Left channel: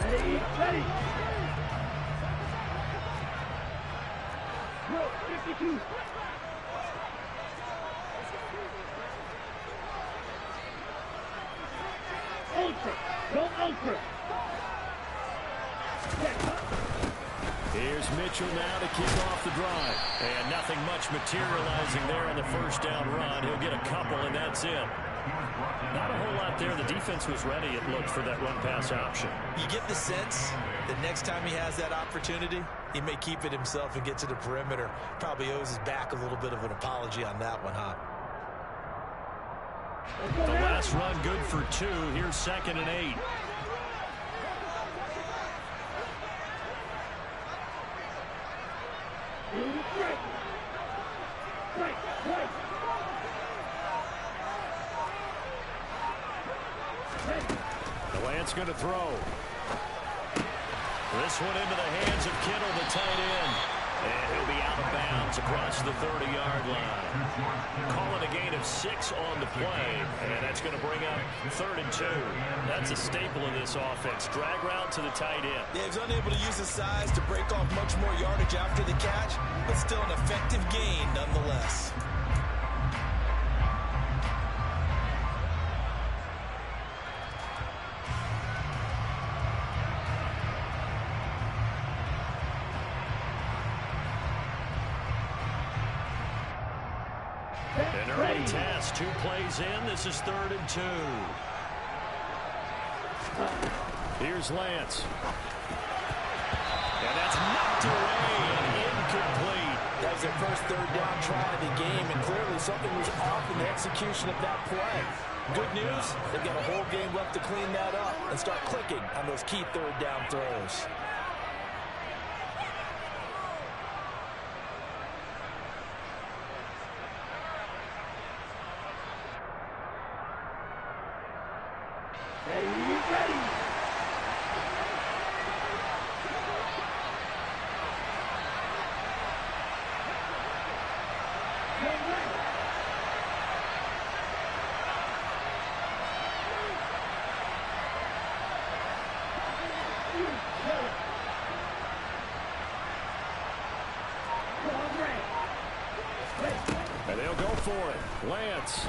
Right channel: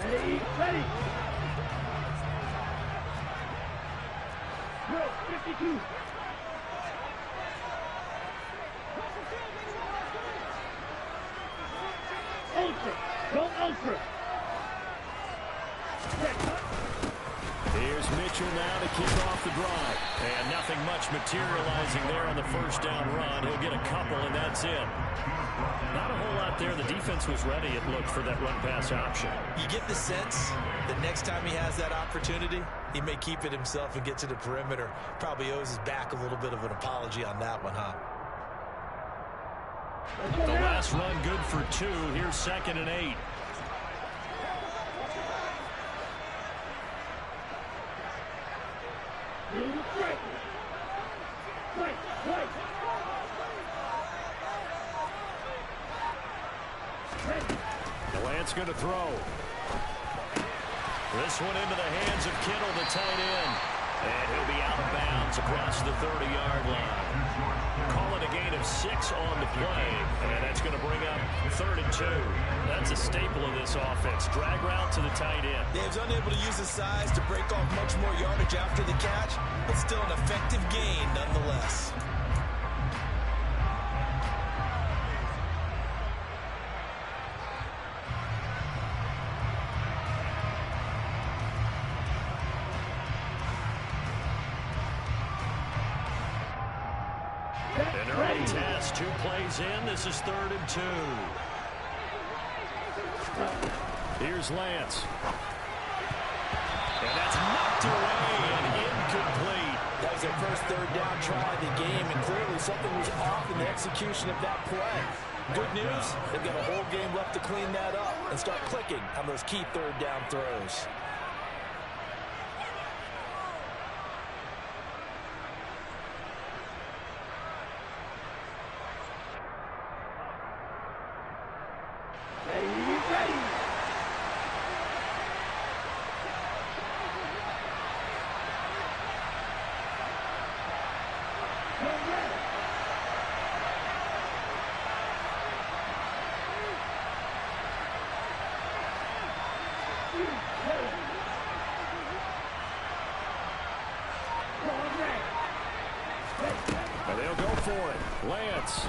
Ready, ready. Bro, 52. Ultra, go ultra. Here's Mitchell now to kick off the drive. And nothing much materializing there on the first down run. He'll get a couple, and that's it. Not a whole lot there. The defense was ready, it looked, for that run-pass option. You get the sense that next time he has that opportunity, he may keep it himself and get to the perimeter. Probably owes his back a little bit of an apology on that one, huh? The last run good for 2. Here's 2nd and 8. Lance going to throw. This one into the hands of Kittle, the tight end. And he'll be out of bounds across the 30-yard line. Call it a gain of 6 on the play, and that's going to bring up 3rd and 2. That's a staple of this offense. Drag route to the tight end. Yeah, he was unable to use his size to break off much more yardage after the catch, but still an effective gain nonetheless. An early test, 2 plays in. This is 3rd and 2. Here's Lance. And that's knocked away and incomplete. That was their first 3rd down try of the game, and clearly something was off in the execution of that play. Good news, they've got a whole game left to clean that up and start clicking on those key 3rd down throws. And they'll go for it. Lance.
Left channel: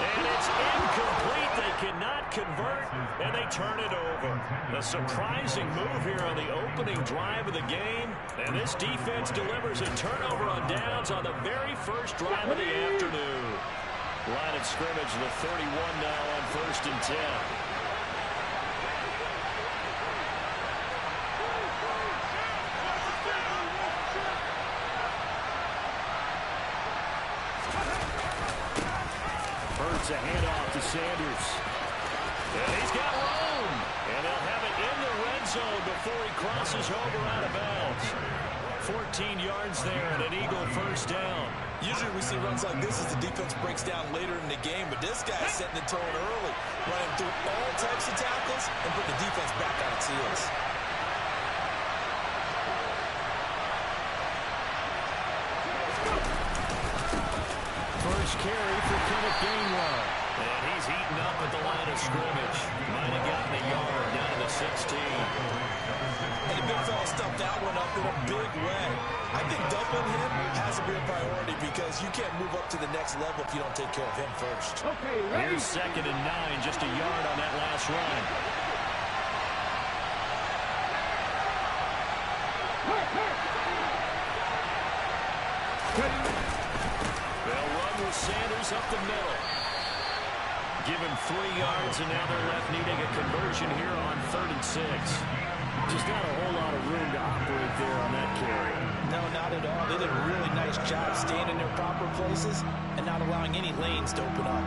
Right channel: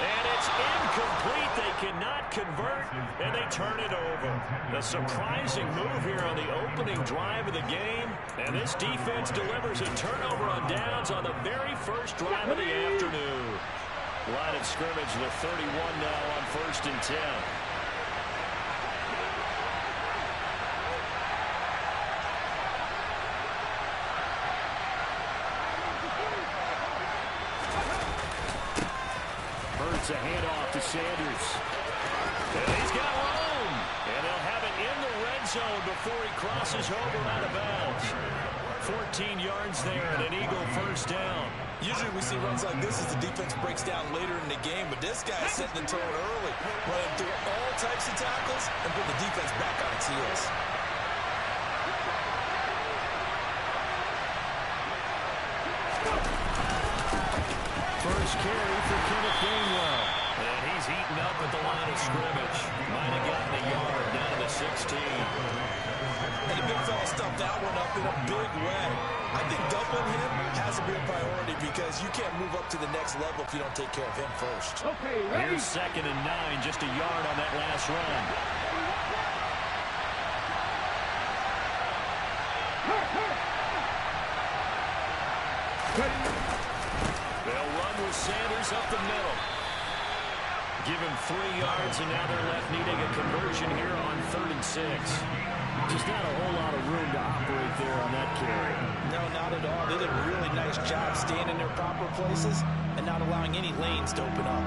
And it's incomplete. They cannot convert, and they turn it over. A surprising move here on the opening drive of the game. And this defense delivers a turnover on downs on the very first drive of the afternoon. Line of scrimmage, the 31 now on 1st and 10. It's a handoff to Sanders. And he's got room. And they'll have it in the red zone before he crosses over out of bounds. 14 yards there and an Eagle first down. Usually we see runs like this as the defense breaks down later in the game, but this guy is setting the tone early, running through all types of tackles and putting the defense back on its heels. First carry for Kenneth Gainwell. And he's eaten up at the line of scrimmage. Might have gotten a yard down to the 16. And the big fella stuffed that one up in a big way. I think doubling him has to be a priority because you can't move up to the next level if you don't take care of him first. Okay, ready. Here's 2nd and 9, just a yard on that last run. They'll run with Sanders up the middle. Give him 3 yards, and now they're left needing a conversion here on 3rd and 6. Just not a whole lot of room to operate there on that carry. No, not at all. They did a really nice job staying in their proper places and not allowing any lanes to open up.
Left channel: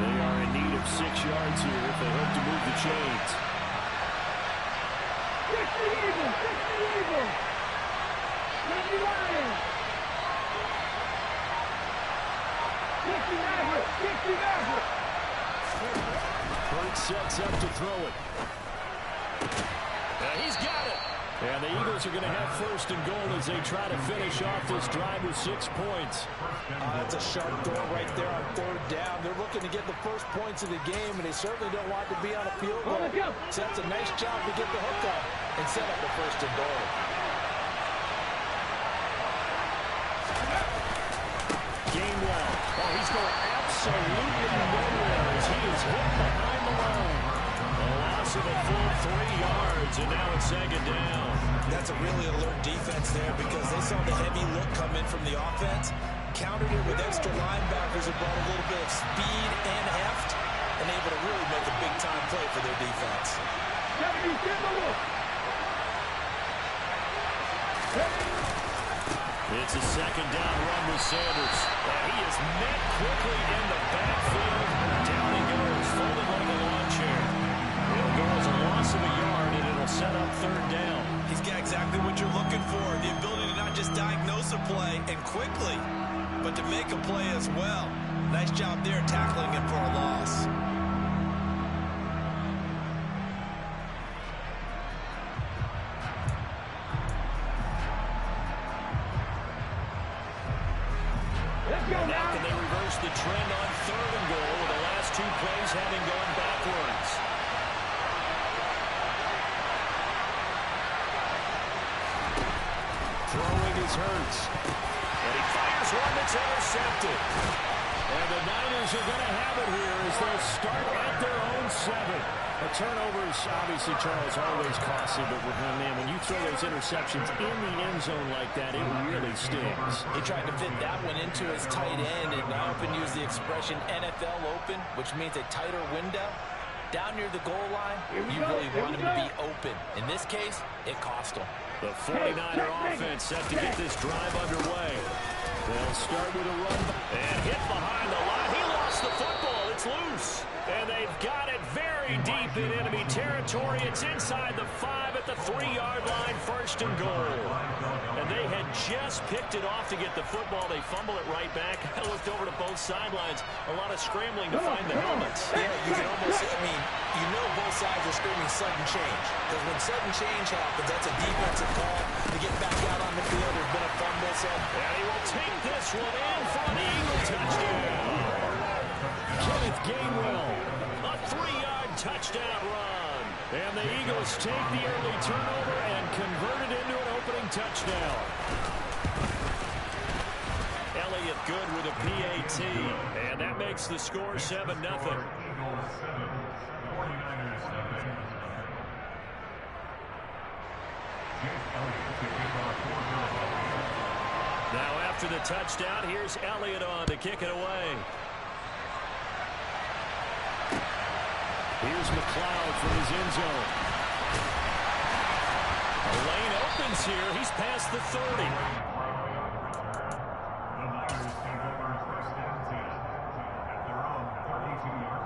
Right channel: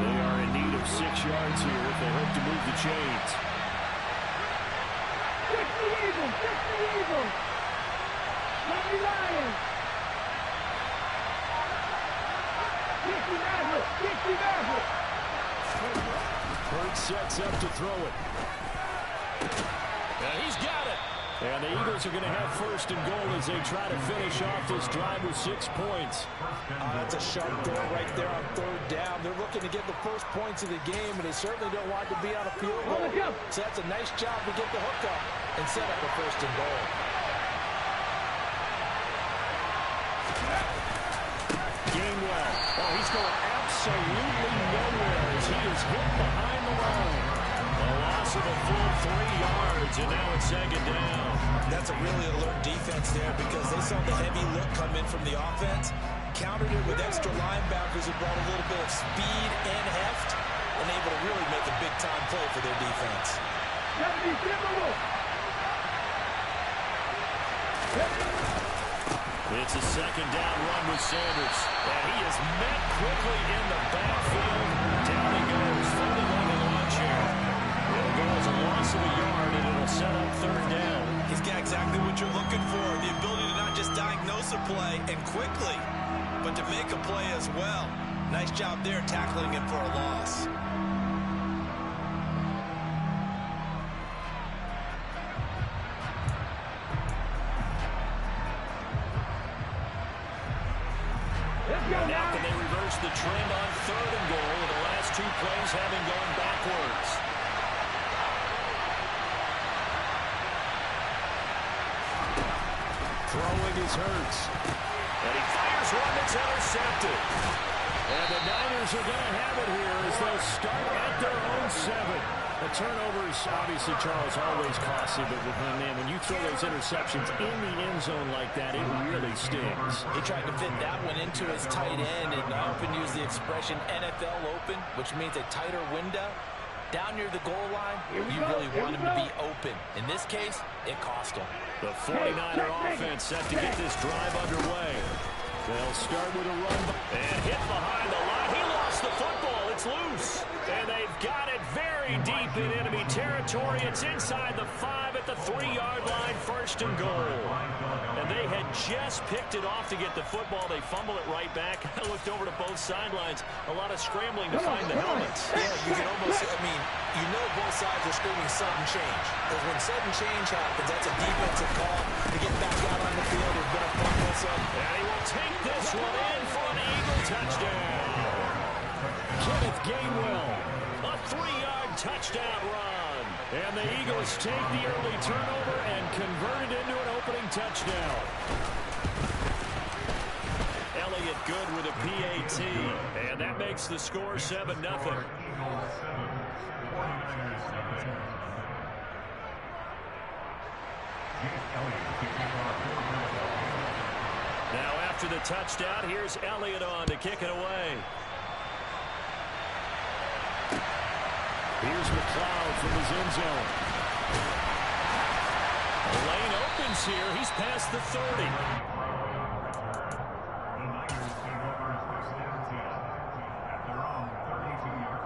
They are in need of 6 yards here if they hope to move the chains. Fix the Eagles! Fix the Eagles! Happy Lions! Dixie Maverick! Dixie Maverick! Hurts sets up to throw it. And he's got it. And the Eagles are going to have first and goal as they try to finish off this drive with 6 points. That's a sharp throw right there on third down. They're looking to get the first points of the game, and they certainly don't want to be on a field goal. So that's a nice job to get the hook up and set up the first and goal. Gainwell. Oh, he's going absolutely nowhere as he is hit behind the line. A loss of a full 3 yards, and now it's second down. That's a really alert defense there because they saw the heavy look come in from the offense, countered it with extra linebackers who brought a little bit of speed and heft, and able to really make a big-time play for their defense. It's a second down run with Sanders. And he is met quickly in the backfield. Down he goes, folded like a lawn chair. It'll go as a loss of a yard, and it'll set up third down. He's got exactly what you're looking for, the ability to not just diagnose a play and quickly, but to make a play as well. Nice job there tackling him for a loss. Now can they reverse the trend on third and goal with the last 2 plays having gone backwards? Throwing is Hurts. And he fires one that's intercepted. And the Niners are going to have it here as they'll start at their own 7. A turnover is obviously, Charles, always costly, but man, when you throw those interceptions in the end zone like that, it really stings. He tried to fit that one into his tight end, and I often use the expression NFL open, which means a tighter window. Down near the goal line, you really want him to be open. In this case, it cost him. The 49er offense set to get this drive underway. They'll start with a run and hit behind the line. He lost the football. It's loose. And they've got it very deep in enemy territory. It's inside the 5 at the 3-yard line, first and goal. And they had just picked it off to get the football. They fumble it right back. I looked over to both sidelines. A lot of scrambling to find the helmets. Yeah, you can almost, you know both sides are screaming sudden change. Because when sudden change happens, that's a defensive call to get back out on the field. There's been a fumble. And he will take this one in for an Eagle touchdown. Kenneth Gainwell, a 3-yard touchdown run. And the Eagles take the early turnover and convert it into an opening touchdown. Elliott good with a PAT. And that makes the score 7-0. Now after the touchdown, here's Elliott on to kick it away. Here's McLeod from his end zone. A lane opens here. He's past the 30. The Niners take over first down at their own 32-yard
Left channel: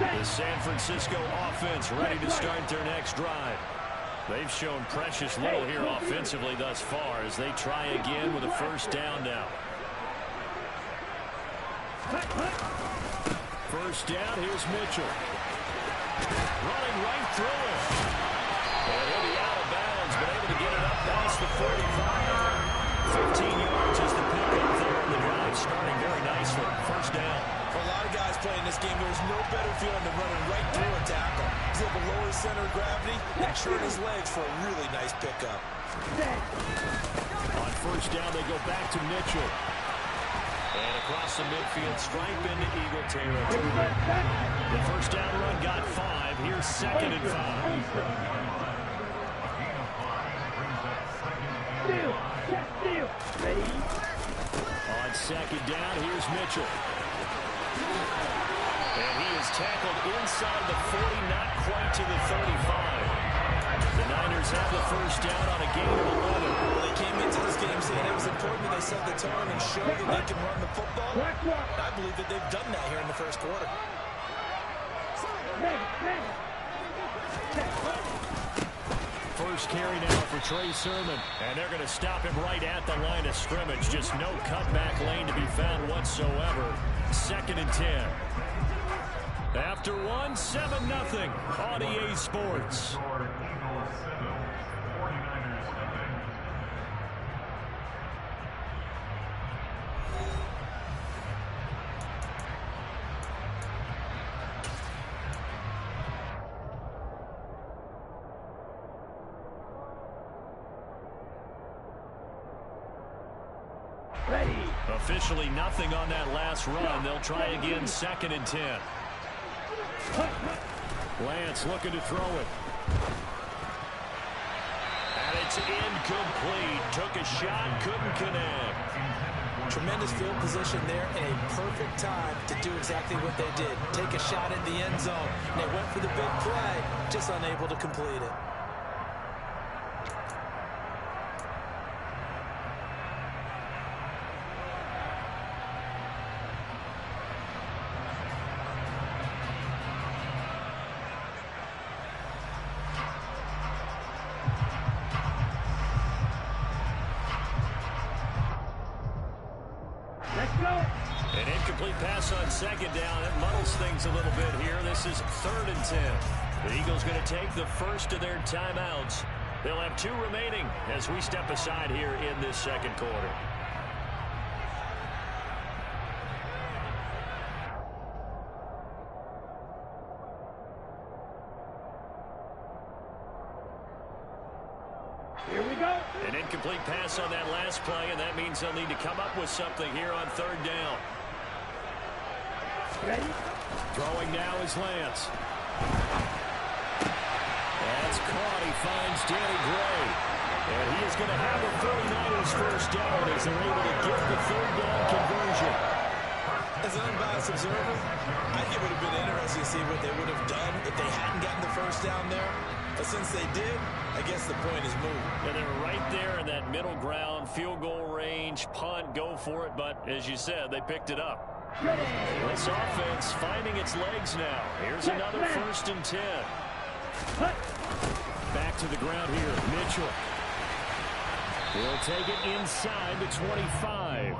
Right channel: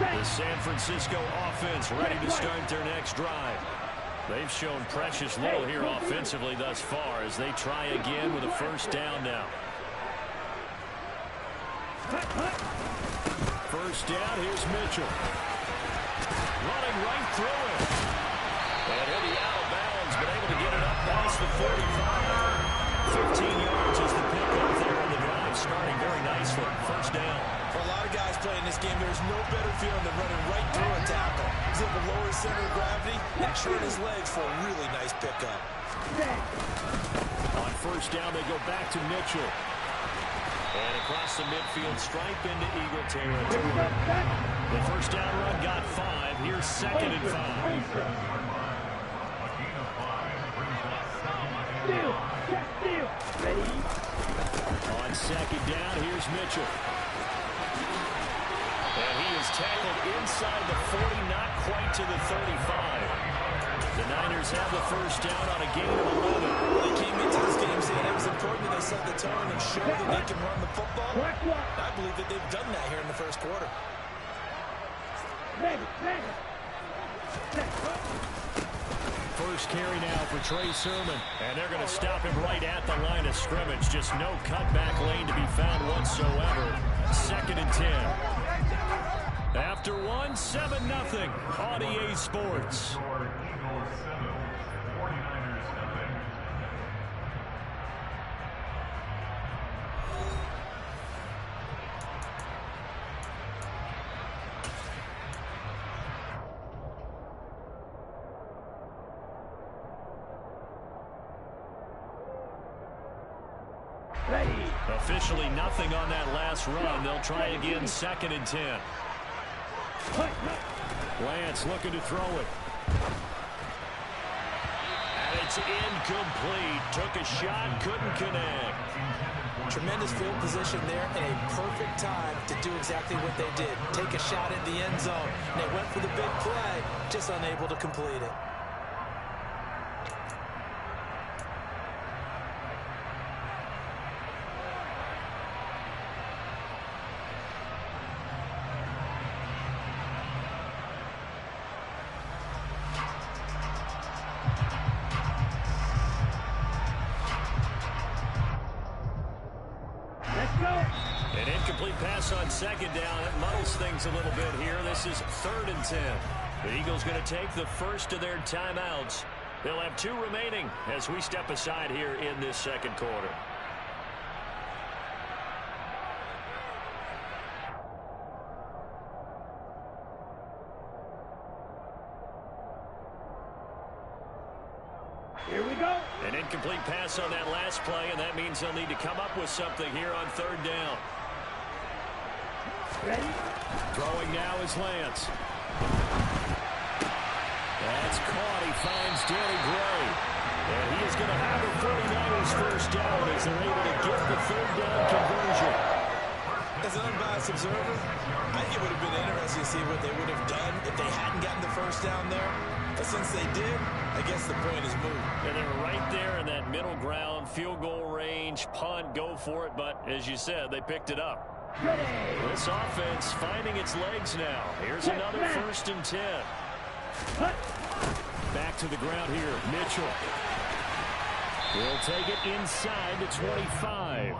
line. The San Francisco offense ready to start their next drive. They've shown precious little here offensively thus far as they try again with a first down now. First down, here's Mitchell. Running right through him. And he'll be out of bounds, but able to get it up past the 45. 15 yards is the pickup there on the drive, starting very nicely. First down. For a lot of guys playing this game, there's no better feeling than running right through a tackle. He's able to lower his center of gravity and churn his legs for a really nice pickup. On first down, they go back to Mitchell. And across the midfield, stripe into Eagle territory. The first down run got 5. Here's second and 5. Ready? On second down, here's Mitchell. And he is tackled inside the 40, not quite to the 35. The Niners have the first down on a gain of 11. Well, they came into this game saying it was important that they set the tone and show that they can run the football. I believe that they've done that here in the first quarter. First carry now for Trey Sermon. And they're going to stop him right at the line of scrimmage. Just no cutback lane to be found whatsoever. 2nd and 10. After one, 7-0 on EA Sports. Eagles 7, 49ers nothing. Ready. Officially nothing on that last run. They'll try again, 2nd and 10. Lance looking to throw it. And it's incomplete. Took a shot, couldn't connect. Tremendous field position there and a perfect time to do exactly what they did. Take a shot at the end zone. And they went for the big play, just unable to complete it. An incomplete pass on 2nd down. It muddles things a little bit here. This is 3rd and 10. The Eagles going to take the first of their timeouts. They'll have 2 remaining as we step aside here in this 2nd quarter. Here we go. An incomplete pass on that last play, and that means they'll need to come up with something here on 3rd down. Ready. Throwing now is Lance. That's caught. He finds Danny Gray. And he is going to have a 49ers first down as they're able to get the 3rd down conversion. As an unbiased observer, I think it would have been interesting to see what they would have done if they hadn't gotten the first down there. But since they did, I guess the point is moved. And they were right there in that middle ground, field goal range, punt, go for it. But as you said, they picked it up. Ready. This offense finding its legs now. Here's another 1st and 10. Back to the ground here, Mitchell. He'll take it inside the 25.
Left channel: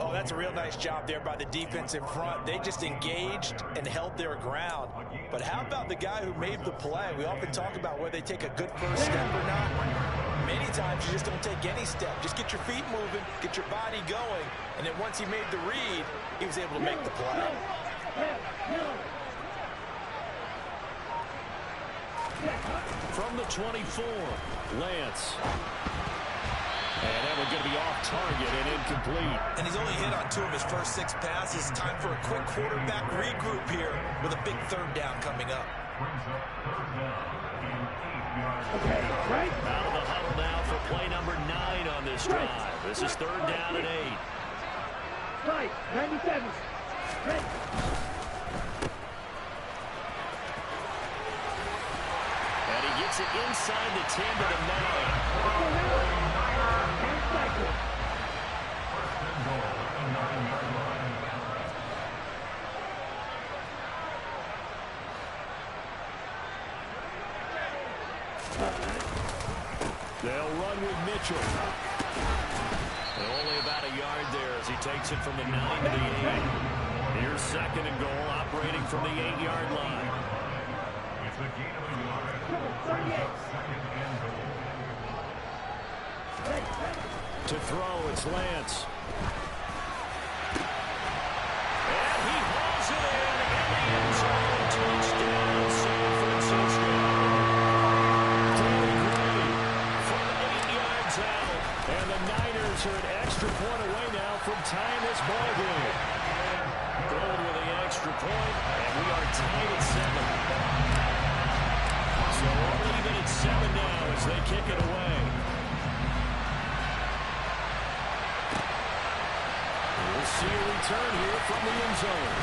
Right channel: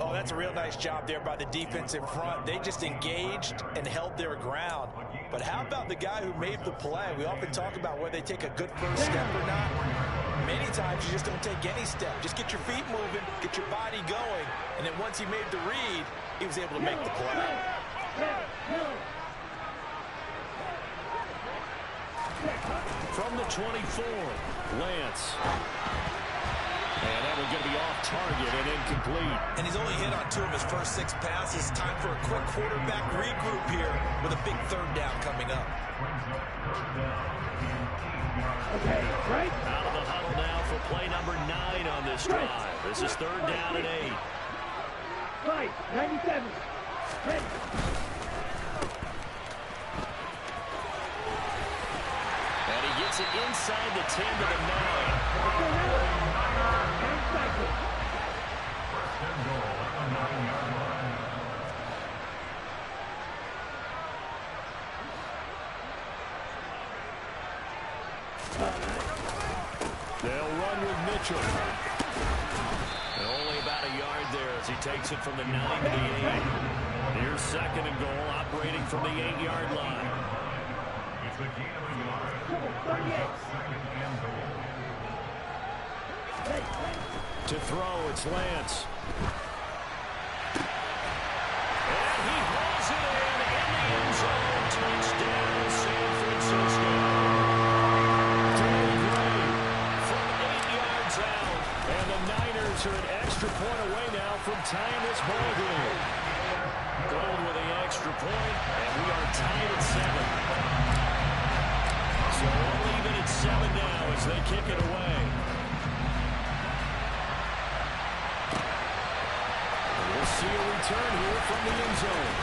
Oh, that's a real nice job there by the defense in front. They just engaged and held their ground. But how about the guy who made the play? We often talk about whether they take a good first step or not. Many times you just don't take any step. Just get your feet moving, get your body going, and then once he made the read, he was able to make the play. From the 24, Lance. And that one's going to be off target and incomplete. And he's only hit on 2 of his first 6 passes. Time for a quick quarterback regroup here with a big 3rd down coming up. Okay, right. Out of the huddle now for play number 9 on this drive. This is 3rd down and 8. Right, 97. Ready. And he gets it inside the 10 to the 9. Let's go now. And cycle. First and goal at the 9-yard line. They'll run with Mitchell. And only about a yard there as he takes it from the 9 to the 8. Here's 2nd and goal, operating from the 8-yard line. It's a gain of a yard. Brings up 2nd and goal. To throw, it's Lance. And he hauls it in the end zone. Touchdown, San Francisco. Danny Gray from 8 yards out. And the Niners are an extra point away now from tying this ball game. Gold with the extra point, and we are tied at 7. So all even at 7 now as they kick it away. We'll see a return here from the end zone.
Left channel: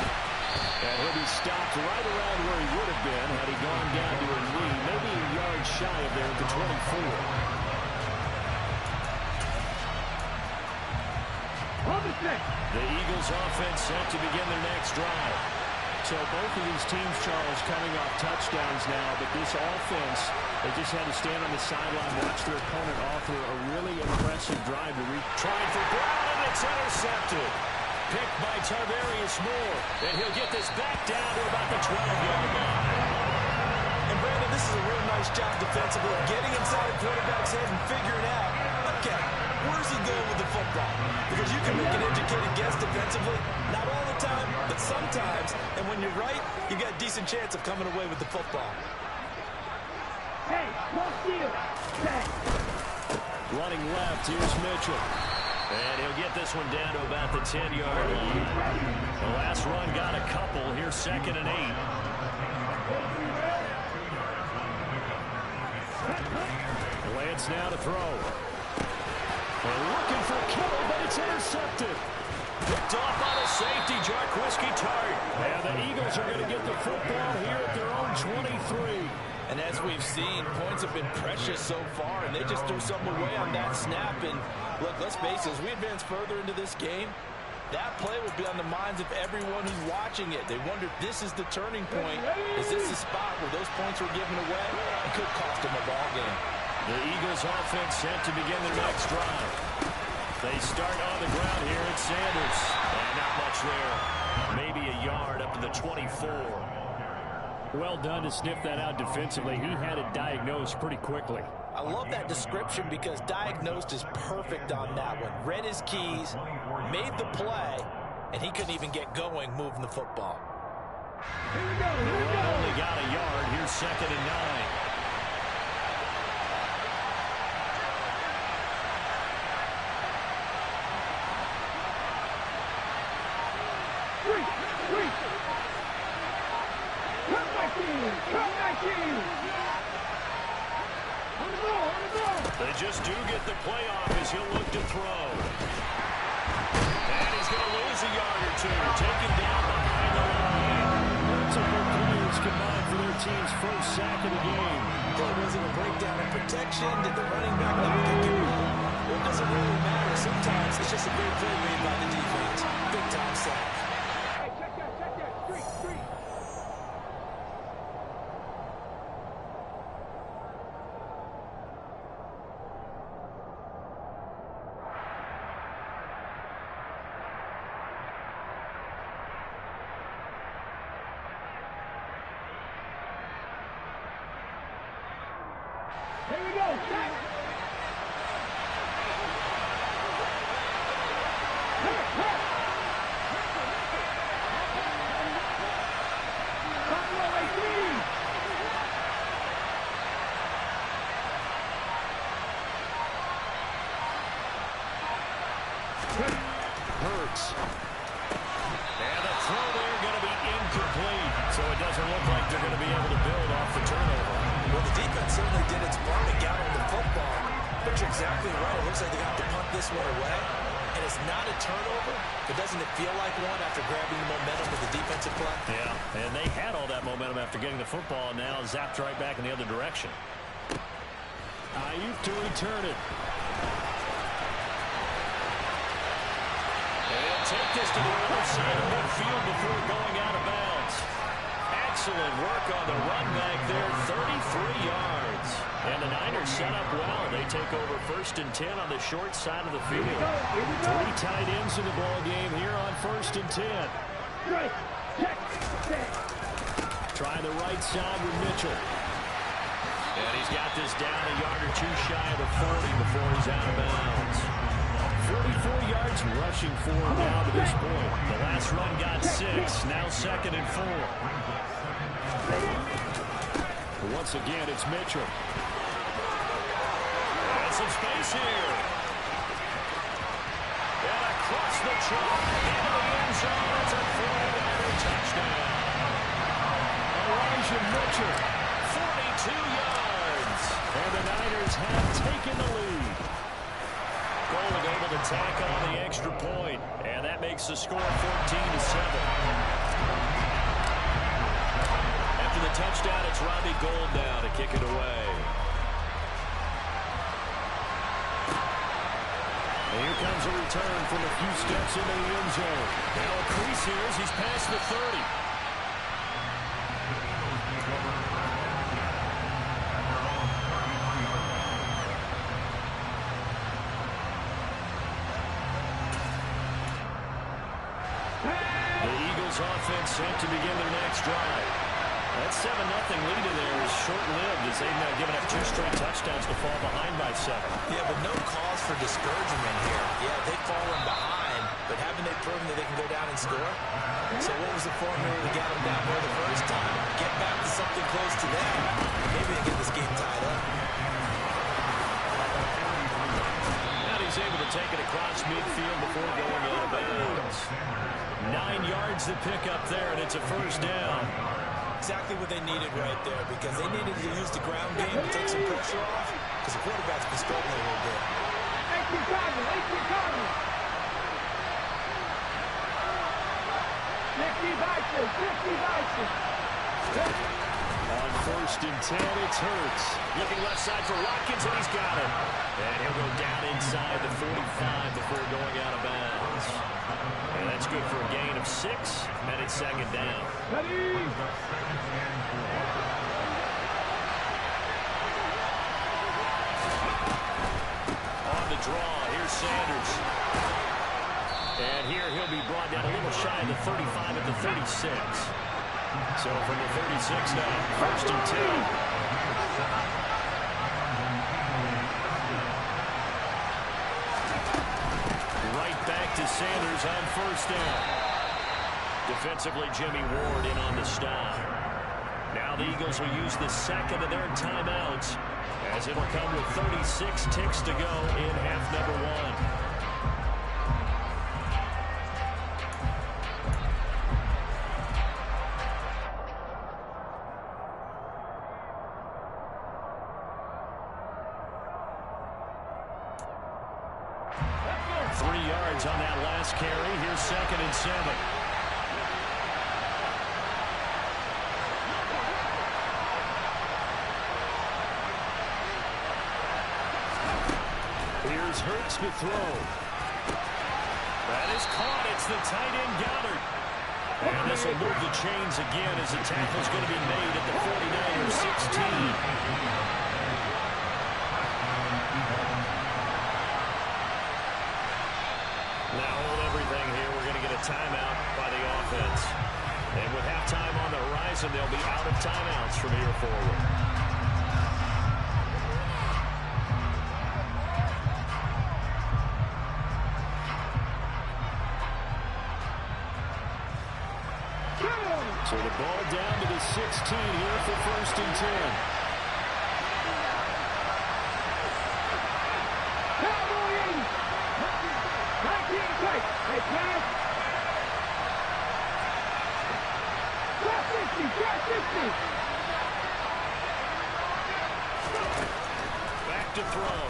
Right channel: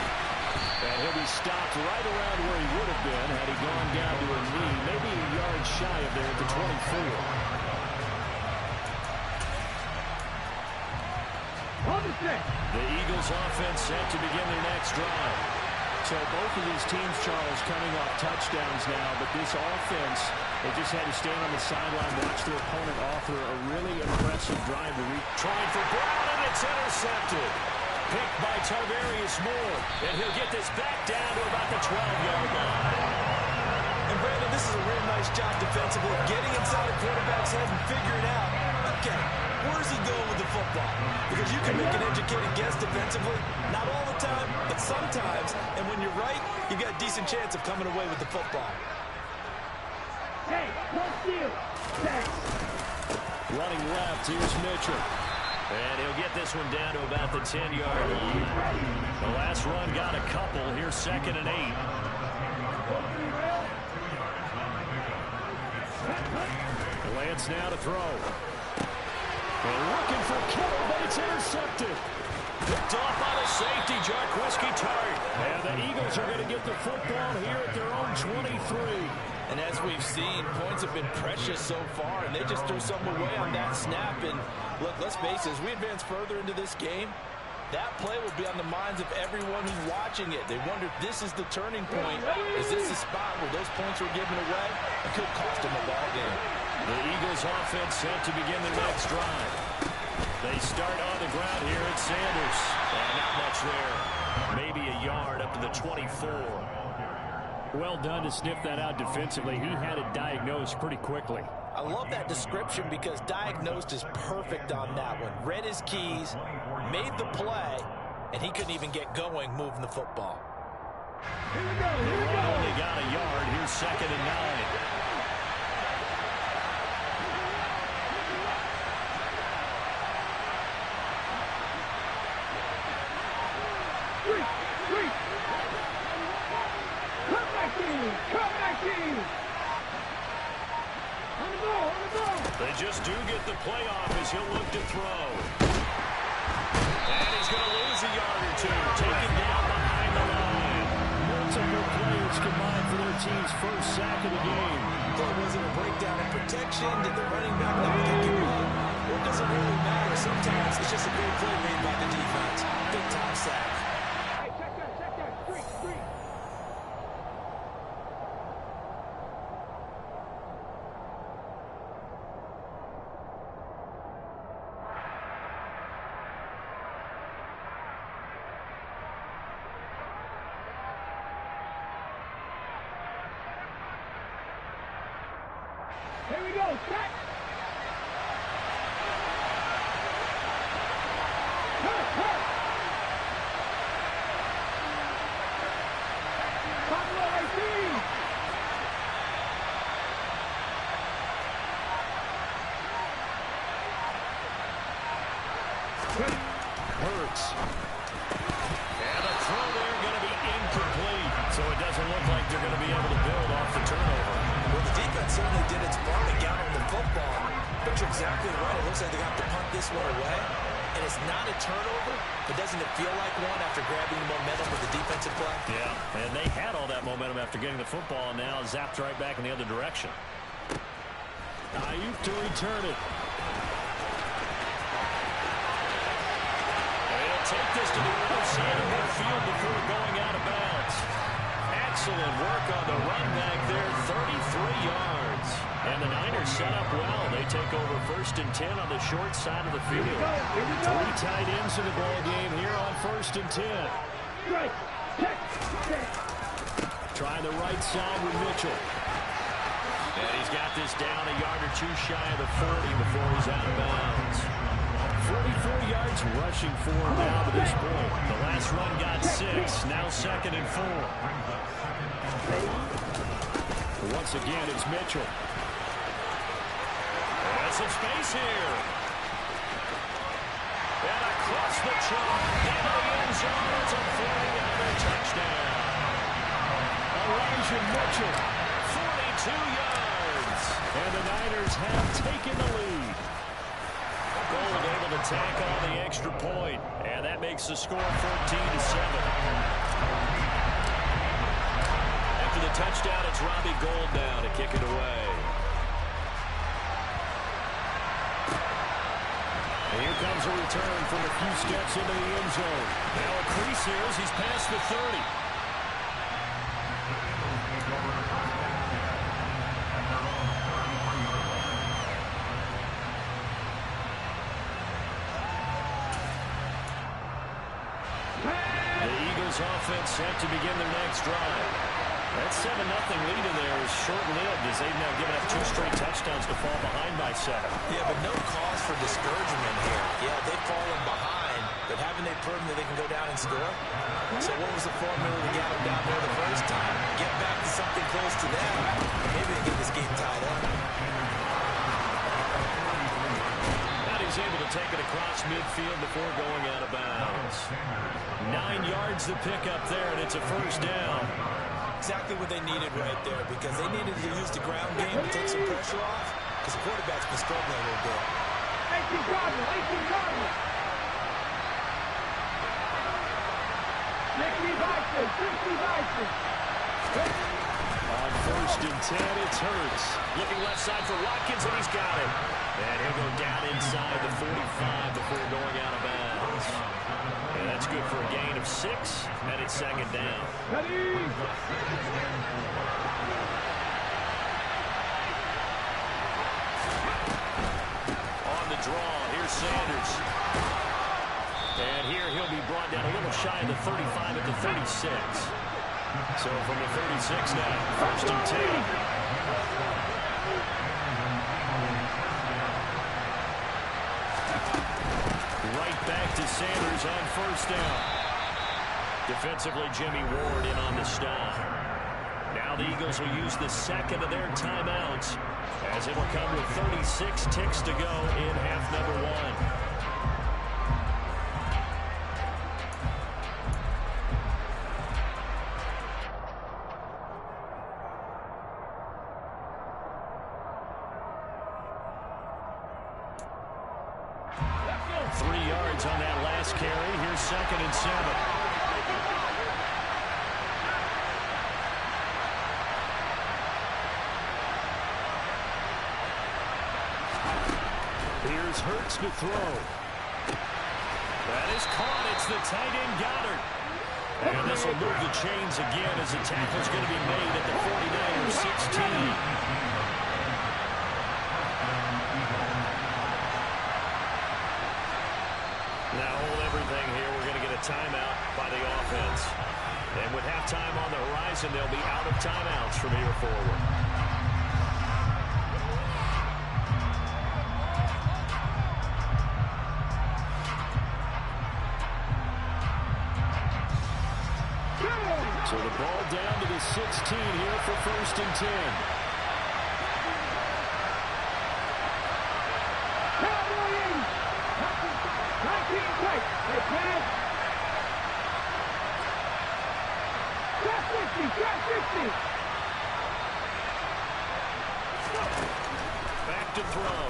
And he'll be stopped right around where he would have been had he gone down to a knee, maybe a yard shy of there at the 24. The Eagles offense set to begin their next drive. So both of these teams, Charles, coming off touchdowns now, but this offense, they just had to stand on the sideline, watch their opponent author a really impressive drive to reach. Trying for Brown, and it's intercepted. picked by Tarvarius Moore. And he'll get this back down to about the 12-yard line. And Brandon, this is a real nice job defensively, getting inside the quarterback's head and figuring out, okay, where's he going with the football? Because you can make an educated guess defensively, not all the time, but sometimes. And when you're right, you've got a decent chance of coming away with the football. Hey, no steal. Hey. Running left, here's Mitchell. And he'll get this one down to about the 10-yard line. The last run got a couple. Here's 2nd and 8. Lance now to throw. And looking for Kittle, but it's intercepted. Picked off by the safety, Jarquiski Tart. And the Eagles are going to get the football here at their own 23. And as we've seen, points have been precious so far, and they just threw something away on that snap. And look, let's face it, as we advance further into this game, that play will be on the minds of everyone who's watching it. They wonder if this is the turning point. Is this the spot where those points were given away and could cost them a ball game? The Eagles offense set to begin their next drive. They start on the ground here at Sanders. And not much there. Maybe a yard up to the 24. Well done to sniff that out defensively. He had it diagnosed pretty quickly. I love that description because diagnosed is perfect on that one. Read his keys, made the play, and he couldn't even get going moving the football. Here we go. The run only got a yard. Here's 2nd and 9. They just do get the play off as he'll look to throw. And he's going to lose a yard or two. Taken down behind the line. Multiple players combined for their team's first sack of the game. There wasn't a breakdown in protection. Did the running back not pick him up? Well, it doesn't really matter. Sometimes it's just a great play made by the defense. Big-time sack. Hey, check that. Street. Here we go, set! Hurt! Buffalo 18! Hurts. And the throw there going to be incomplete. So it doesn't look like they're going to be able to build off the turnover. Well, the defense certainly did its part and got on the football. But you're exactly right. It looks like they got to punt this one away. And it's not a turnover, but doesn't it feel like one after grabbing the momentum with the defensive play? Yeah, and they had all that momentum after getting the football, and now zapped right back in the other direction. Ayuk to return it. They'll take this to the other side of midfield before going out of bounds. Excellent work on the run back there, 33 yards. And the Niners set up well. They take over 1st and 10 on the short side of the field. Here we go. 3 tight ends in the ball game here on 1st and 10. Right, check, set. Trying the right side with Mitchell. And he's got this down a yard or two shy of the 40 before he's out of bounds. 44 yards rushing for him now to this point. The last run got 6. Now 2nd and 4. Once again, it's Mitchell. And some space here. And across the chalk into the end zone. It's a 49er touchdown. Elijah Mitchell. 42 yards. And the Niners have taken the lead. Gold able to tack on the extra point. And that makes the score 14-7. After the touchdown, it's Robbie Gould now to kick it away. And here comes a return from a few steps into the end zone. Now a crease here as he's past the 30. Sanders offense set to begin their next drive. That 7-0 lead in there is short-lived as they've now given up 2 straight touchdowns to fall behind by 7. Yeah, but no cause for discouragement here. Yeah, they've fallen behind, but haven't they proven that they can go down and score? So what was the formula that got them down there the first time? Get back to something close to that. Maybe they get this game tied up. And he's able to take it across midfield before going out of bounds. 9 yards to pick up there, and it's a first down. Exactly what they needed right there, because they needed to use the ground game to take some pressure off, because the quarterback's been struggling a little bit. 18 Cardinals, 18 Cardinals. 60 Vikings, 60 Vikings. On 1st and 10, it's Hurts. Looking left side for Watkins, and he's got it. And he'll go down inside the 45 before going out of bounds. And that's good for a gain of 6, and it's 2nd down. Ready? On the draw, here's Sanders. And here he'll be brought down a little shy of the 35 at the 36. So from the 36 now, 1st and 10. Right back to Sanders on 1st down. Defensively, Jimmy Ward in on the stop. Now the Eagles will use the 2nd of their timeouts as it will come with 36 ticks to go in half number 1. On that last carry, here's 2nd and 7. Here's Hurts to throw. That is caught. It's the tight end Goddard. And this will move the chains again as the tackle's going to be made at the 49ers 16. Now hold everything here. We're going to get a timeout by the offense. And with halftime on the horizon, they'll be out of timeouts from here forward. So the ball down to the 16 here for 1st and 10. Cowboys! 19 straight. They pass. Trap 60, trap 60. Back to throw.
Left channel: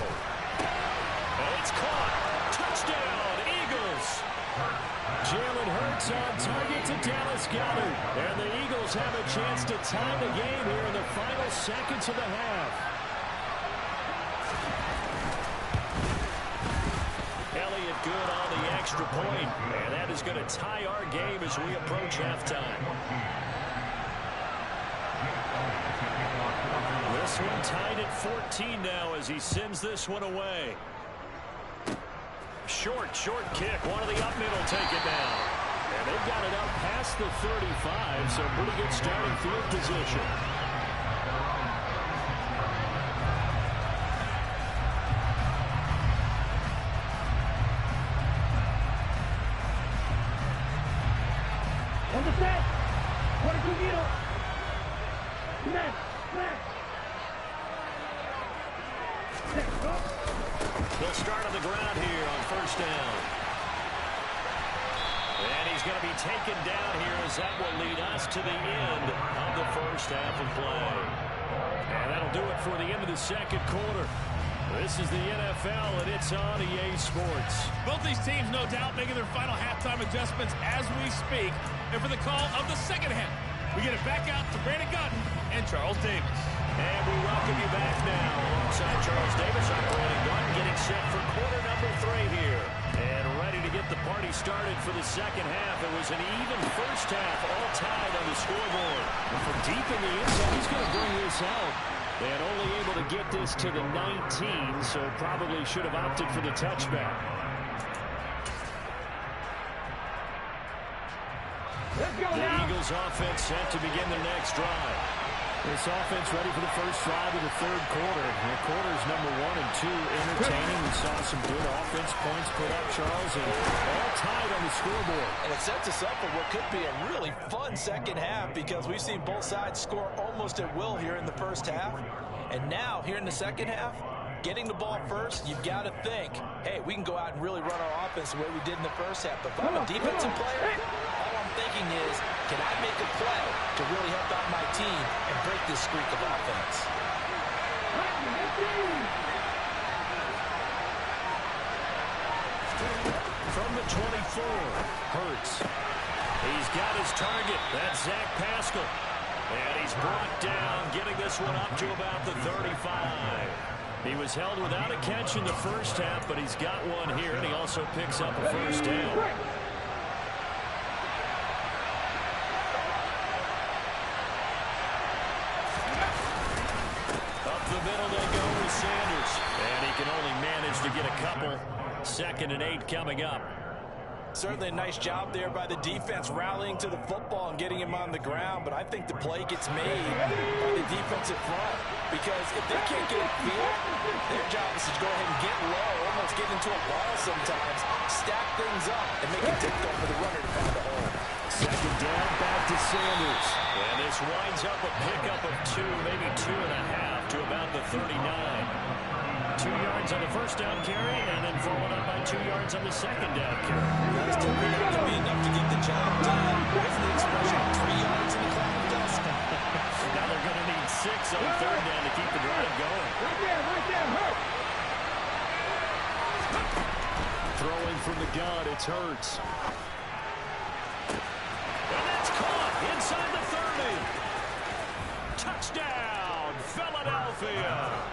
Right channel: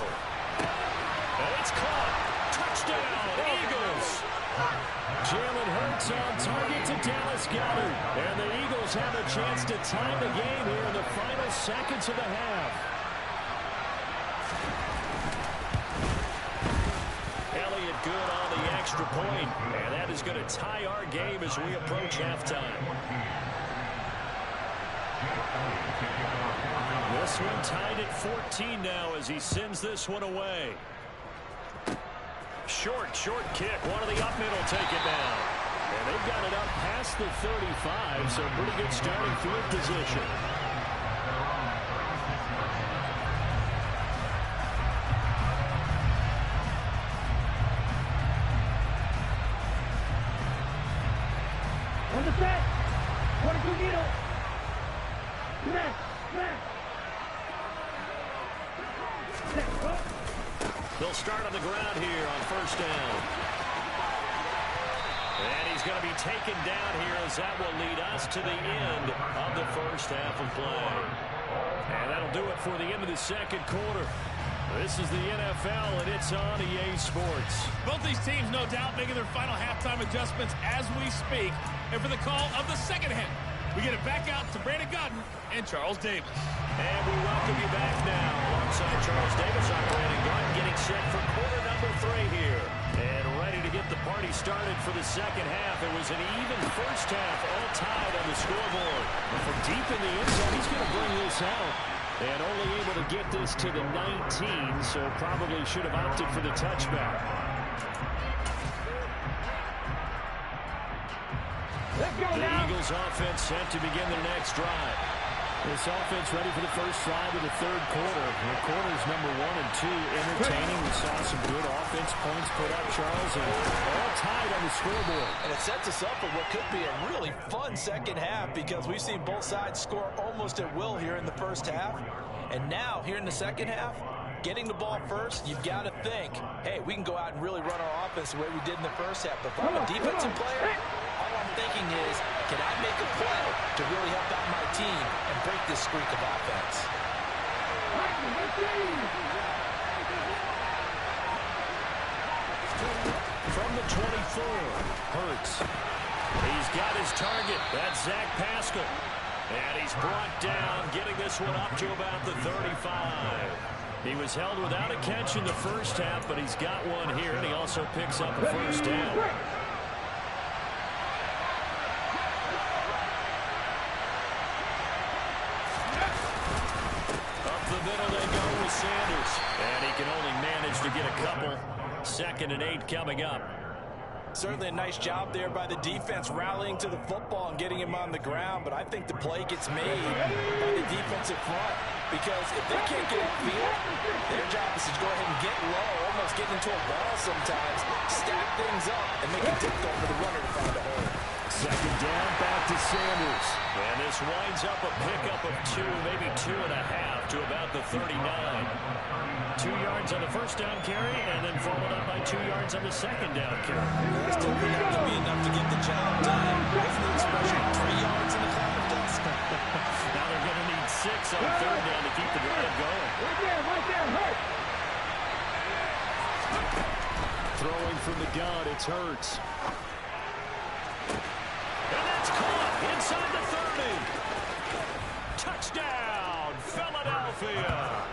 And it's caught. Touchdown, Eagles. Jalen Hurts on target to Dallas Goedert. And the Eagles have a chance to tie the game here in the final seconds of the half. Elliott good on the extra point, and that is going to tie our game as we approach halftime. This one tied at 14 now as he sends this one away. Short kick. One of the up middle take it down. And they've got it up past the 35, so pretty good starting field position. On the set. 22 needle. Smash. They'll start on the ground here on 1st down. And he's going to be taken down here as that will lead us to the end of the first half of play. And that'll do it for the end of the 2nd quarter. This is the NFL, and it's on EA Sports. Both these teams, no doubt, making their final halftime adjustments as we speak. And for the call of the 2nd half, we get it back out to Brandon Gaudin and Charles Davis. And we welcome you back now alongside Charles Davis. I'm Brandon Gaudin getting set for quarter number 3 here. And ready to get the party started for the 2nd half. It was an even first half, all tied on the scoreboard. From deep in the end zone, he's going to bring this out. And only able to get this to the 19, so probably should have opted for the touchback. Let's go The now. Eagles offense set to begin their next drive. This offense ready for the first drive of the third quarter. The quarters number 1 and 2 entertaining. We saw some good offense points put up, Charles, and all tied on the scoreboard. And it sets us up for what could be a really fun second half because we've seen both sides score almost at will here in the first half. And now, here in the second half, getting the ball first, you've got to think, hey, we can go out and really run our offense the way we did in the first half. But if I'm a defensive player, all I'm thinking is, can I make a play to really help out my team and break this streak of offense? From the 24, Hurts. He's got his target. That's Zach Pascal. And he's brought down, getting this one up to about the 35. He was held without a catch in the first half, but he's got one here, and he also picks up a first down. Up the middle they go with Sanders. And he can only manage to get a couple. 2nd and 8 coming up. Certainly a nice job there by the defense rallying to the football and getting him on the ground, but I think the play gets made by the defensive front because if they can't get upfield, their job is to go ahead and get low, almost get into a ball sometimes, stack things up, and make it difficult for the runner to find a hole. 2nd down, back to Sanders. And this winds up a pickup of 2, maybe 2.5 to about the 39. 2 yards on the first down carry, and then followed up by 2 yards on the 2nd down carry. That's typically not going to be enough to get the job done. Wasn't the expression 3 yards in the cloud of dust? Now they're going to need 6 on 3rd down to keep the drive going. Right there, Hurt. Throwing from the gun, it's Hurts. And that's caught inside the 30. Touchdown, Philadelphia.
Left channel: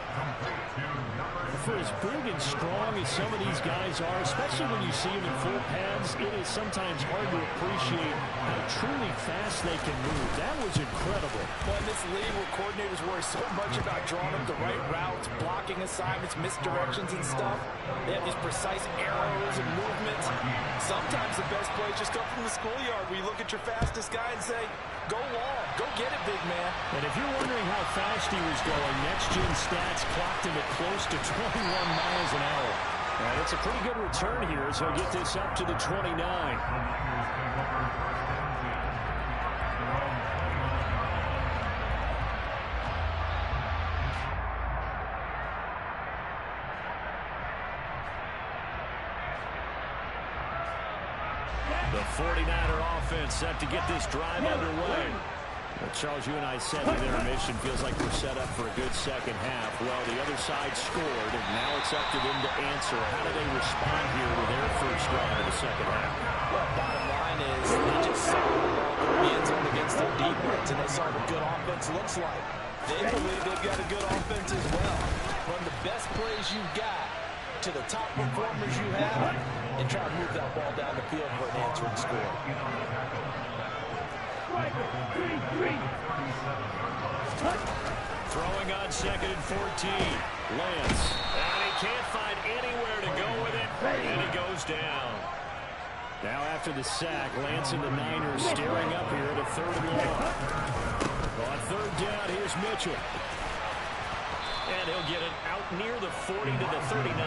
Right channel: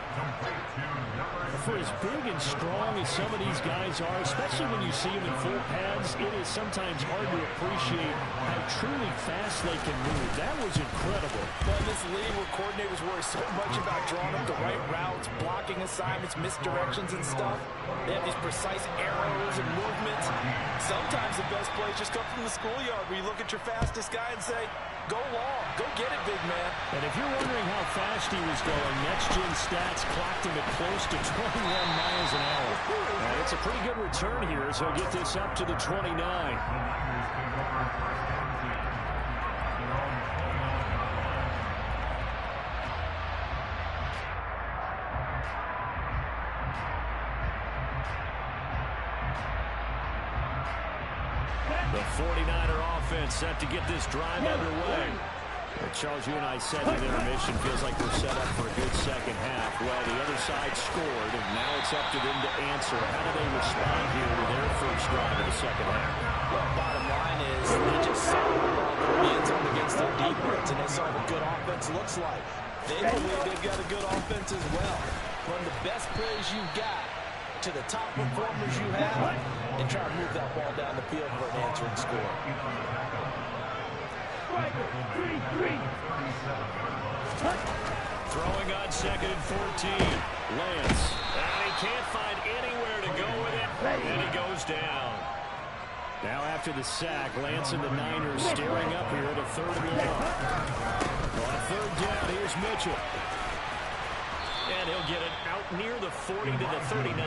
For as big and strong as some of these guys are, especially when you see them in full pads, it is sometimes hard to appreciate how truly fast they can move. That was incredible. Well, in this league where coordinators worry so much about drawing up the right routes, blocking assignments, misdirections and stuff, they have these precise arrows and movements. Sometimes the best plays just come from the schoolyard where you look at your fastest guy and say, go long, go get it, big man. And if you're wondering how fast he was going, next-gen stats clocked him at close to 21 miles an hour. And it's a pretty good return here as he'll get this up to the 29. The 49er offense set to get this drive underway. Well, Charles, you and I said in intermission feels like we're set up for a good second half. Well, the other side scored, and now it's up to them to answer. How do they respond here with their first drive of the second half? Well, bottom line is they just saw the ball in the end zone against their defense, and they saw what good offense looks like. They believe they've got a good offense as well. Run the best plays you've got to the top performers you have, and try to move that ball down the field for an answering score. Throwing on 2nd and 14. Lance. And he can't find anywhere to go with it. And he goes down. Now after the sack, Lance and the Niners staring up here at a 3rd and long. On 3rd down, here's Mitchell. And he'll get it out near the 40 to the 39.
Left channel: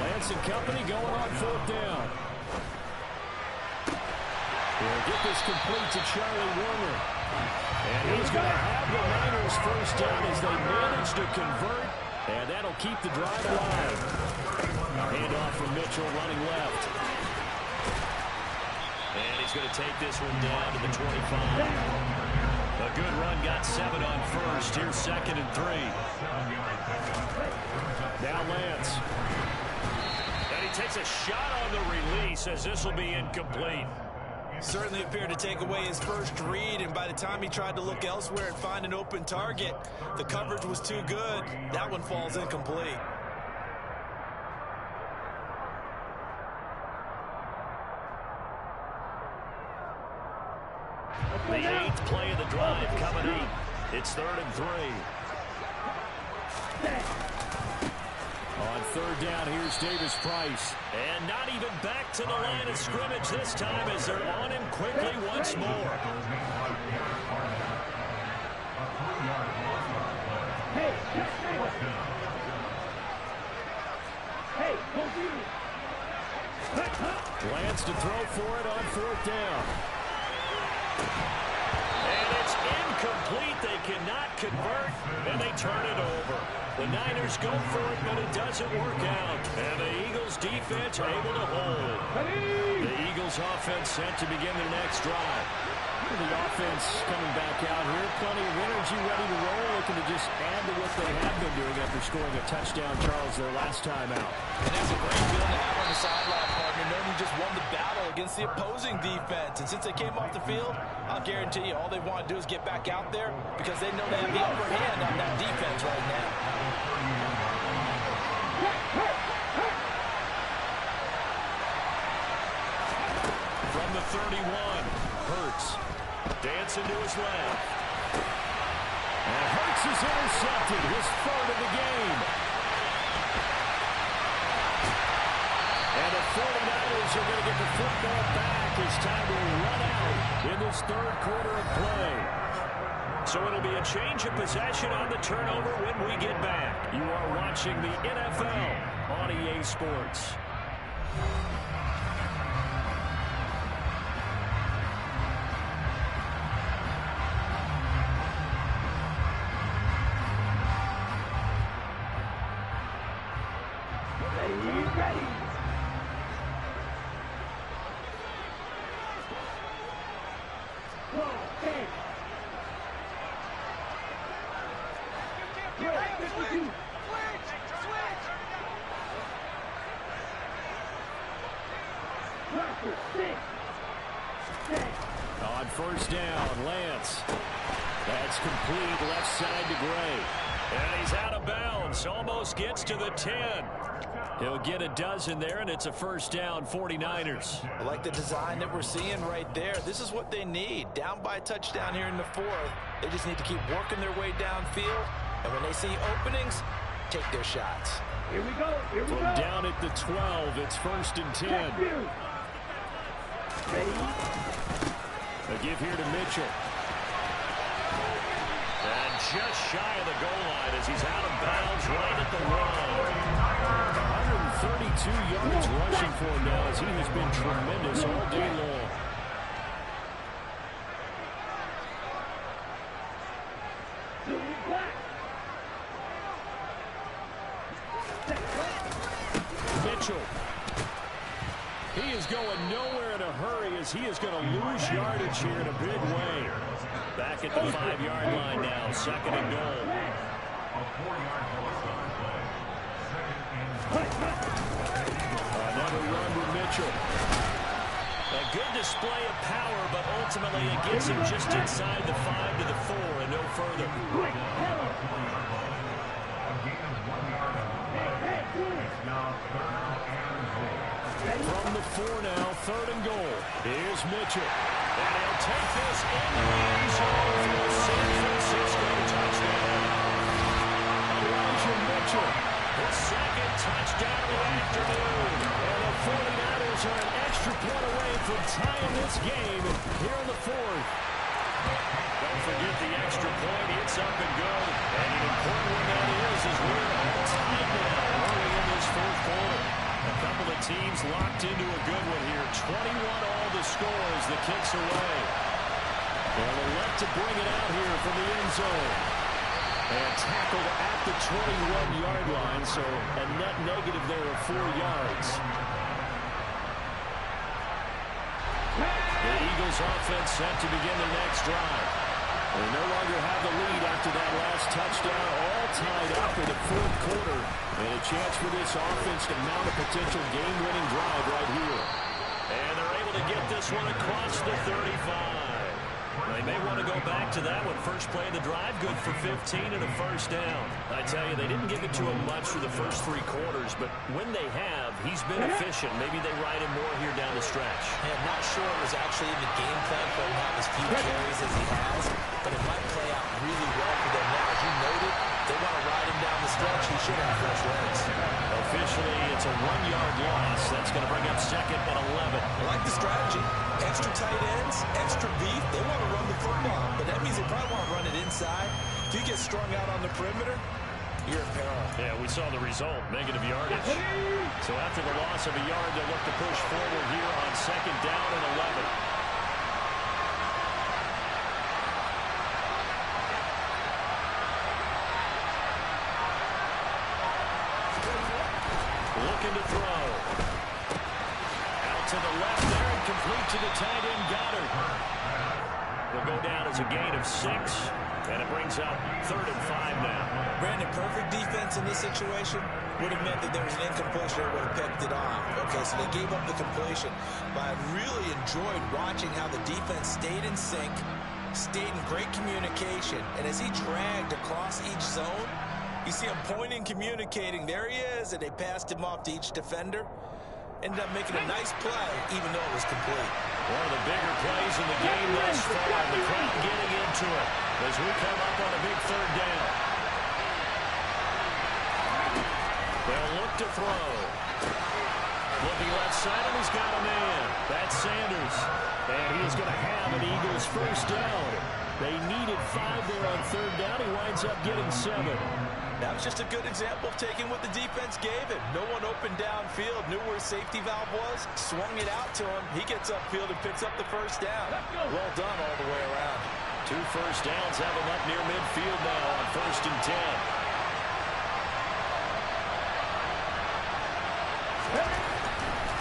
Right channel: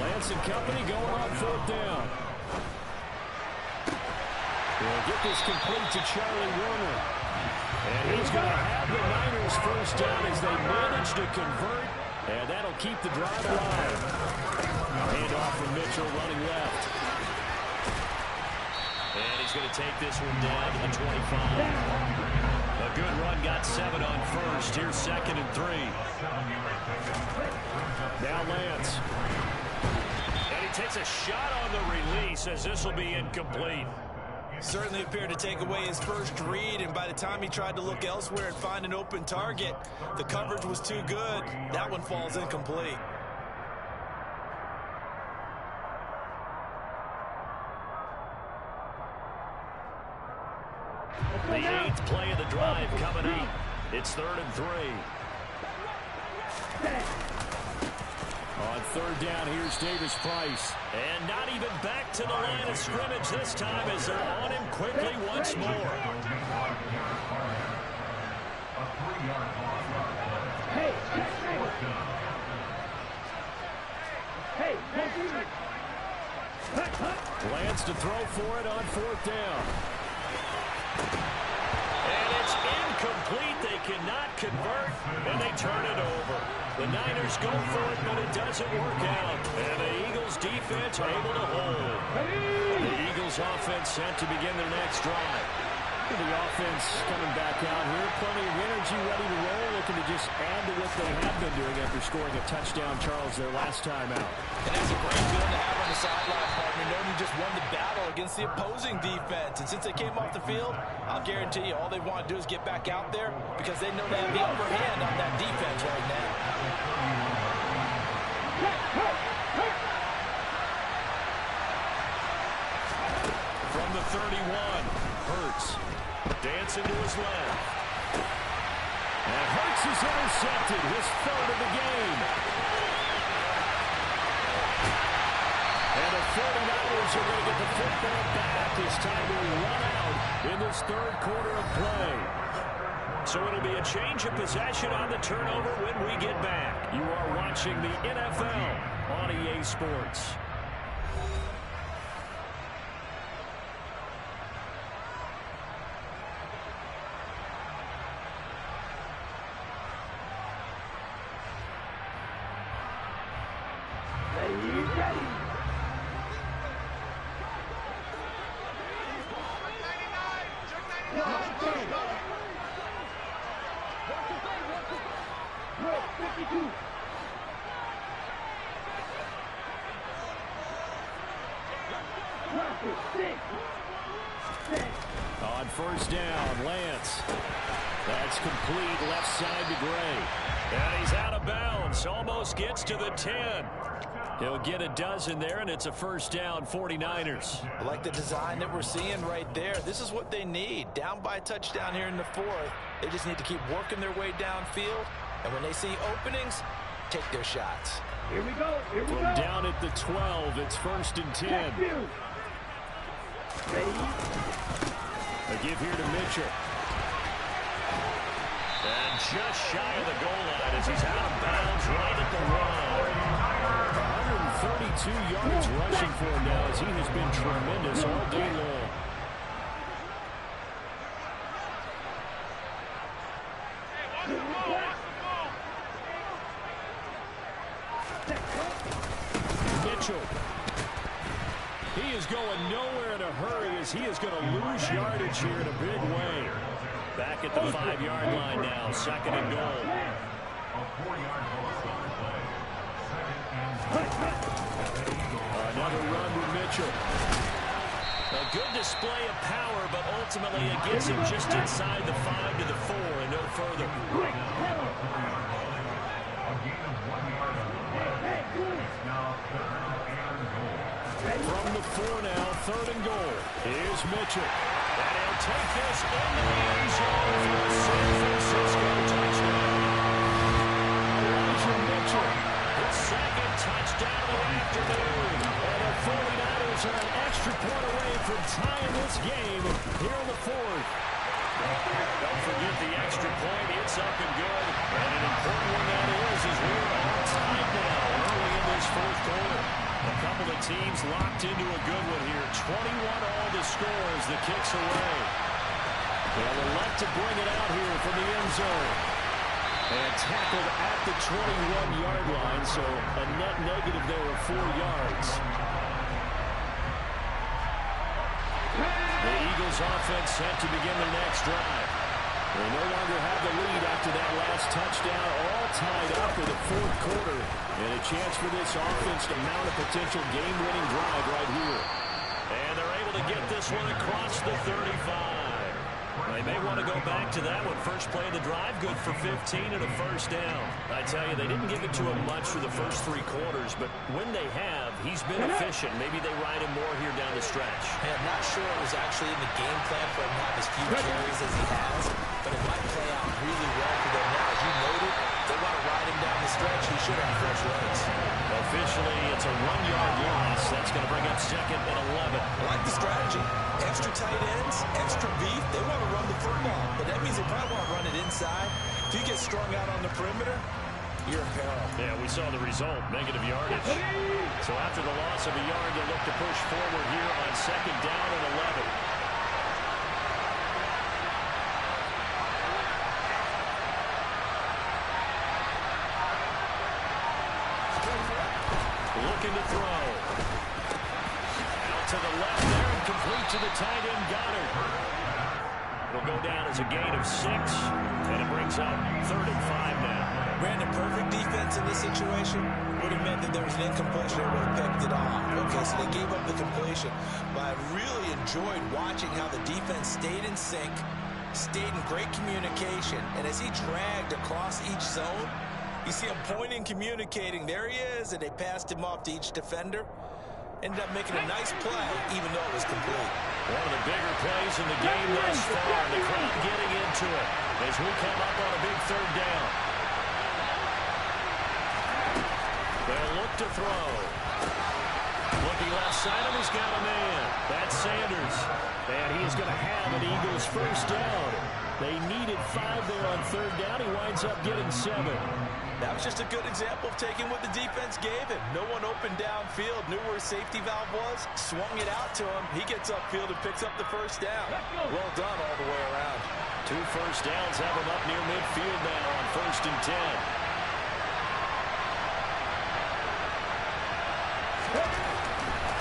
Lance and company going on 4th down. He'll get this complete to Charlie Warner. And he's going to have the Niners first down as they manage to convert. And that'll keep the drive alive. Handoff from Mitchell running left. And he's going to take this one down to the 25. A good run, got 7 on first. Here's 2nd and 3. Now Lance. And he takes a shot on the release as this will be incomplete. Certainly appeared to take away his first read, and by the time he tried to look elsewhere and find an open target, the coverage was too good. That one falls incomplete. The 8th play of the drive coming up. It's 3rd and 3. On third down, here's Davis Price. And not even back to the line of scrimmage this time as they're on him quickly once more. Hey, hey, Lance to throw for it on fourth down. And it's incomplete. They cannot convert, and they turn it over. The Niners go for it, but it doesn't work out. And the Eagles defense are able to hold. The Eagles offense set to begin their next drive. The offense coming back out here. Plenty of energy, ready to roll, looking to just add to what they have been doing after scoring a touchdown, Charles, their last time out. And that's a great feeling to have on the sideline, partner, knowing you just won the battle against the opposing defense. And since they came off the field, I'll guarantee you all they want to do is get back out there because they know they have the upper hand on that defense right now. From the 31, Hurts. Dancing to his left. And Hurts is intercepted, his third of the game. And the 49ers are going to get the football back. It's time to run out in this third quarter of play. So it'll be a change of possession on the turnover when we get back. You are watching the NFL on EA Sports. On first down, Lance. That's complete, left side to Gray. And he's out of bounds, almost gets to the 10. He'll get a dozen there, and it's a first down, 49ers. I like the design that we're seeing right there. This is what they need. Down by a touchdown here in the fourth. They just need to keep working their way downfield. And when they see openings, take their shots. Here we go. Here we go. From down at the 12, it's first and 10. A give here to Mitchell. And just shy of the goal line as he's out of bounds right at the 132 yards rushing for him now as he has been tremendous all day long. Mitchell. He is going nowhere in a hurry as he is going to lose yardage here in a big way. Back at the 5-yard line now, second and goal. Another run with Mitchell. A good display of power, but ultimately it gets him just inside the 5 to the 4 and no further. From the 4 now, third and goal. Here's Mitchell. And he'll take this into the end zone for the San Francisco touchdown. Elijah Mitchell. His second touchdown of the afternoon. And the 49ers are an extra point away from tying this game here in the fourth. Don't forget the extra point. It's up and good. And an important one that is as we're all tied now early in this fourth quarter. A couple of teams locked into a good one here. 21 all the score as the kick's away. They'll elect to bring it out here from the end zone. And tackled at the 21-yard line, so a net negative there of 4 yards. The Eagles offense set to begin their next drive. They no longer have the lead after that last touchdown, all tied up in the fourth quarter. And a chance for this offense to mount a potential game-winning drive right here. And they're able to get this one across the 35. They may want to go back to that one. First play of the drive, good for 15 and a first down. I tell you, they didn't give it to him much for the first 3 quarters, but when they have, he's been efficient. Maybe they ride him more here down the stretch. Yeah, not sure it was actually in the game plan for him to have as few carries as he has, but it might play out really well for them now. As you noted, They want to ride him down the stretch. He should have fresh legs. Officially, it's a 1-yard loss. That's going to bring up 2nd and 11. I like the strategy. Extra tight ends, extra beef. They want to run the football, but that means they probably want to run it inside. If you get strung out on the perimeter, you're in peril. Yeah, we saw the result, negative yardage. So after the loss of a yard, they'll look to push forward here on 2nd down and 11. Looking to throw. Out to the left there and complete to the tight end, Goddard. Will go down as a gain of 6, and it brings up 3rd and 5 now. Brandon, perfect defense in this situation would have meant that there was an incompletion. They would have picked it off. Okay, so they gave up the completion. But I really enjoyed watching how the defense stayed in sync, stayed in great communication, and as he dragged across each zone, you see him pointing, communicating. There he is, and they passed him off to each defender. Ended up making a nice play, even though it was complete. One of the bigger plays in the game thus far. The crowd getting into it as we come up on a big 3rd down. They'll look to throw. Looking left side, and he's got a man. That's Sanders. And he is going to have an Eagles first down. They needed 5 there on 3rd down. He winds up getting 7. That was just a good example of taking what the defense gave him. No one opened downfield, knew where his safety valve was, swung it out to him. He gets upfield and picks up the first down. Well done all the way around. 2 first downs have him up near midfield now on 1st and 10.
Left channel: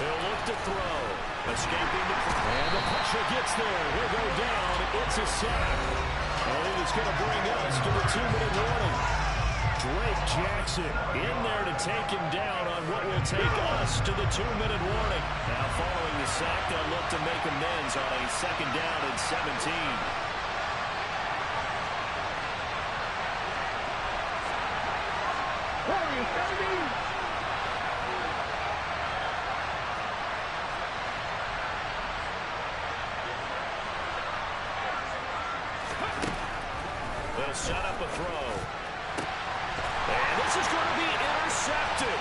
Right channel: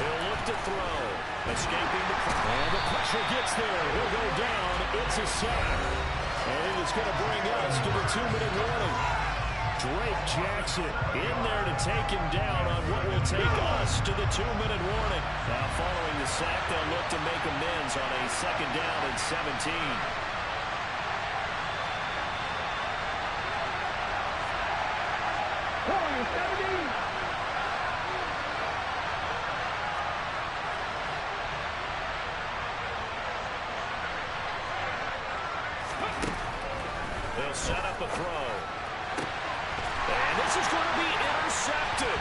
He'll look to throw. Escaping the pressure. And the pressure gets there. He'll go down. It's a sack. And it is going to bring us to the 2-minute warning. Drake Jackson in there to take him down on what will take us to the 2-minute warning. Now following the sack, they'll look to make amends on a 2nd down and 17. Warriors 17. They'll set up a throw. And this is going to be intercepted.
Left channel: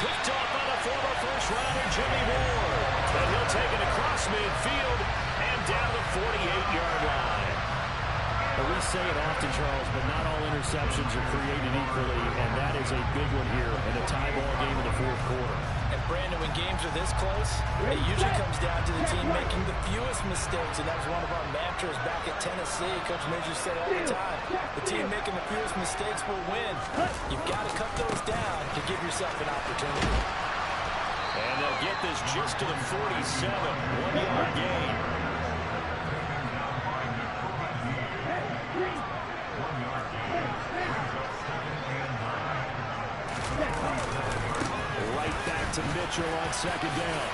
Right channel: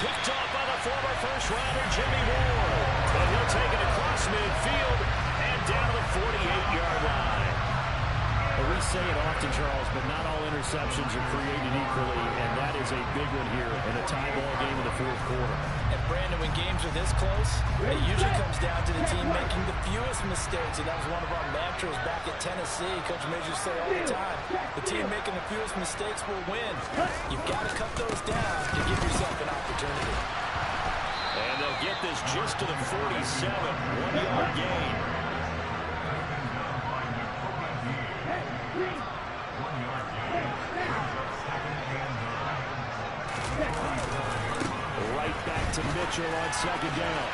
Picked off by the former first-rounder Jimmy Ward. And he'll take it across midfield and down to the 48-yard line. We say it often, Charles, but not all interceptions are created equally, and that is a big one here in a tie ball game in the 4th quarter. And Brandon, when games are this close, it usually comes down to the team making the fewest mistakes, and that was one of our mantras back at Tennessee. Coach Majors say all the time, the team making the fewest mistakes will win. You've got to cut those down to give yourself an opportunity. And they'll get this just to the 47, 1-yard gain. Right back to Mitchell on 2nd down.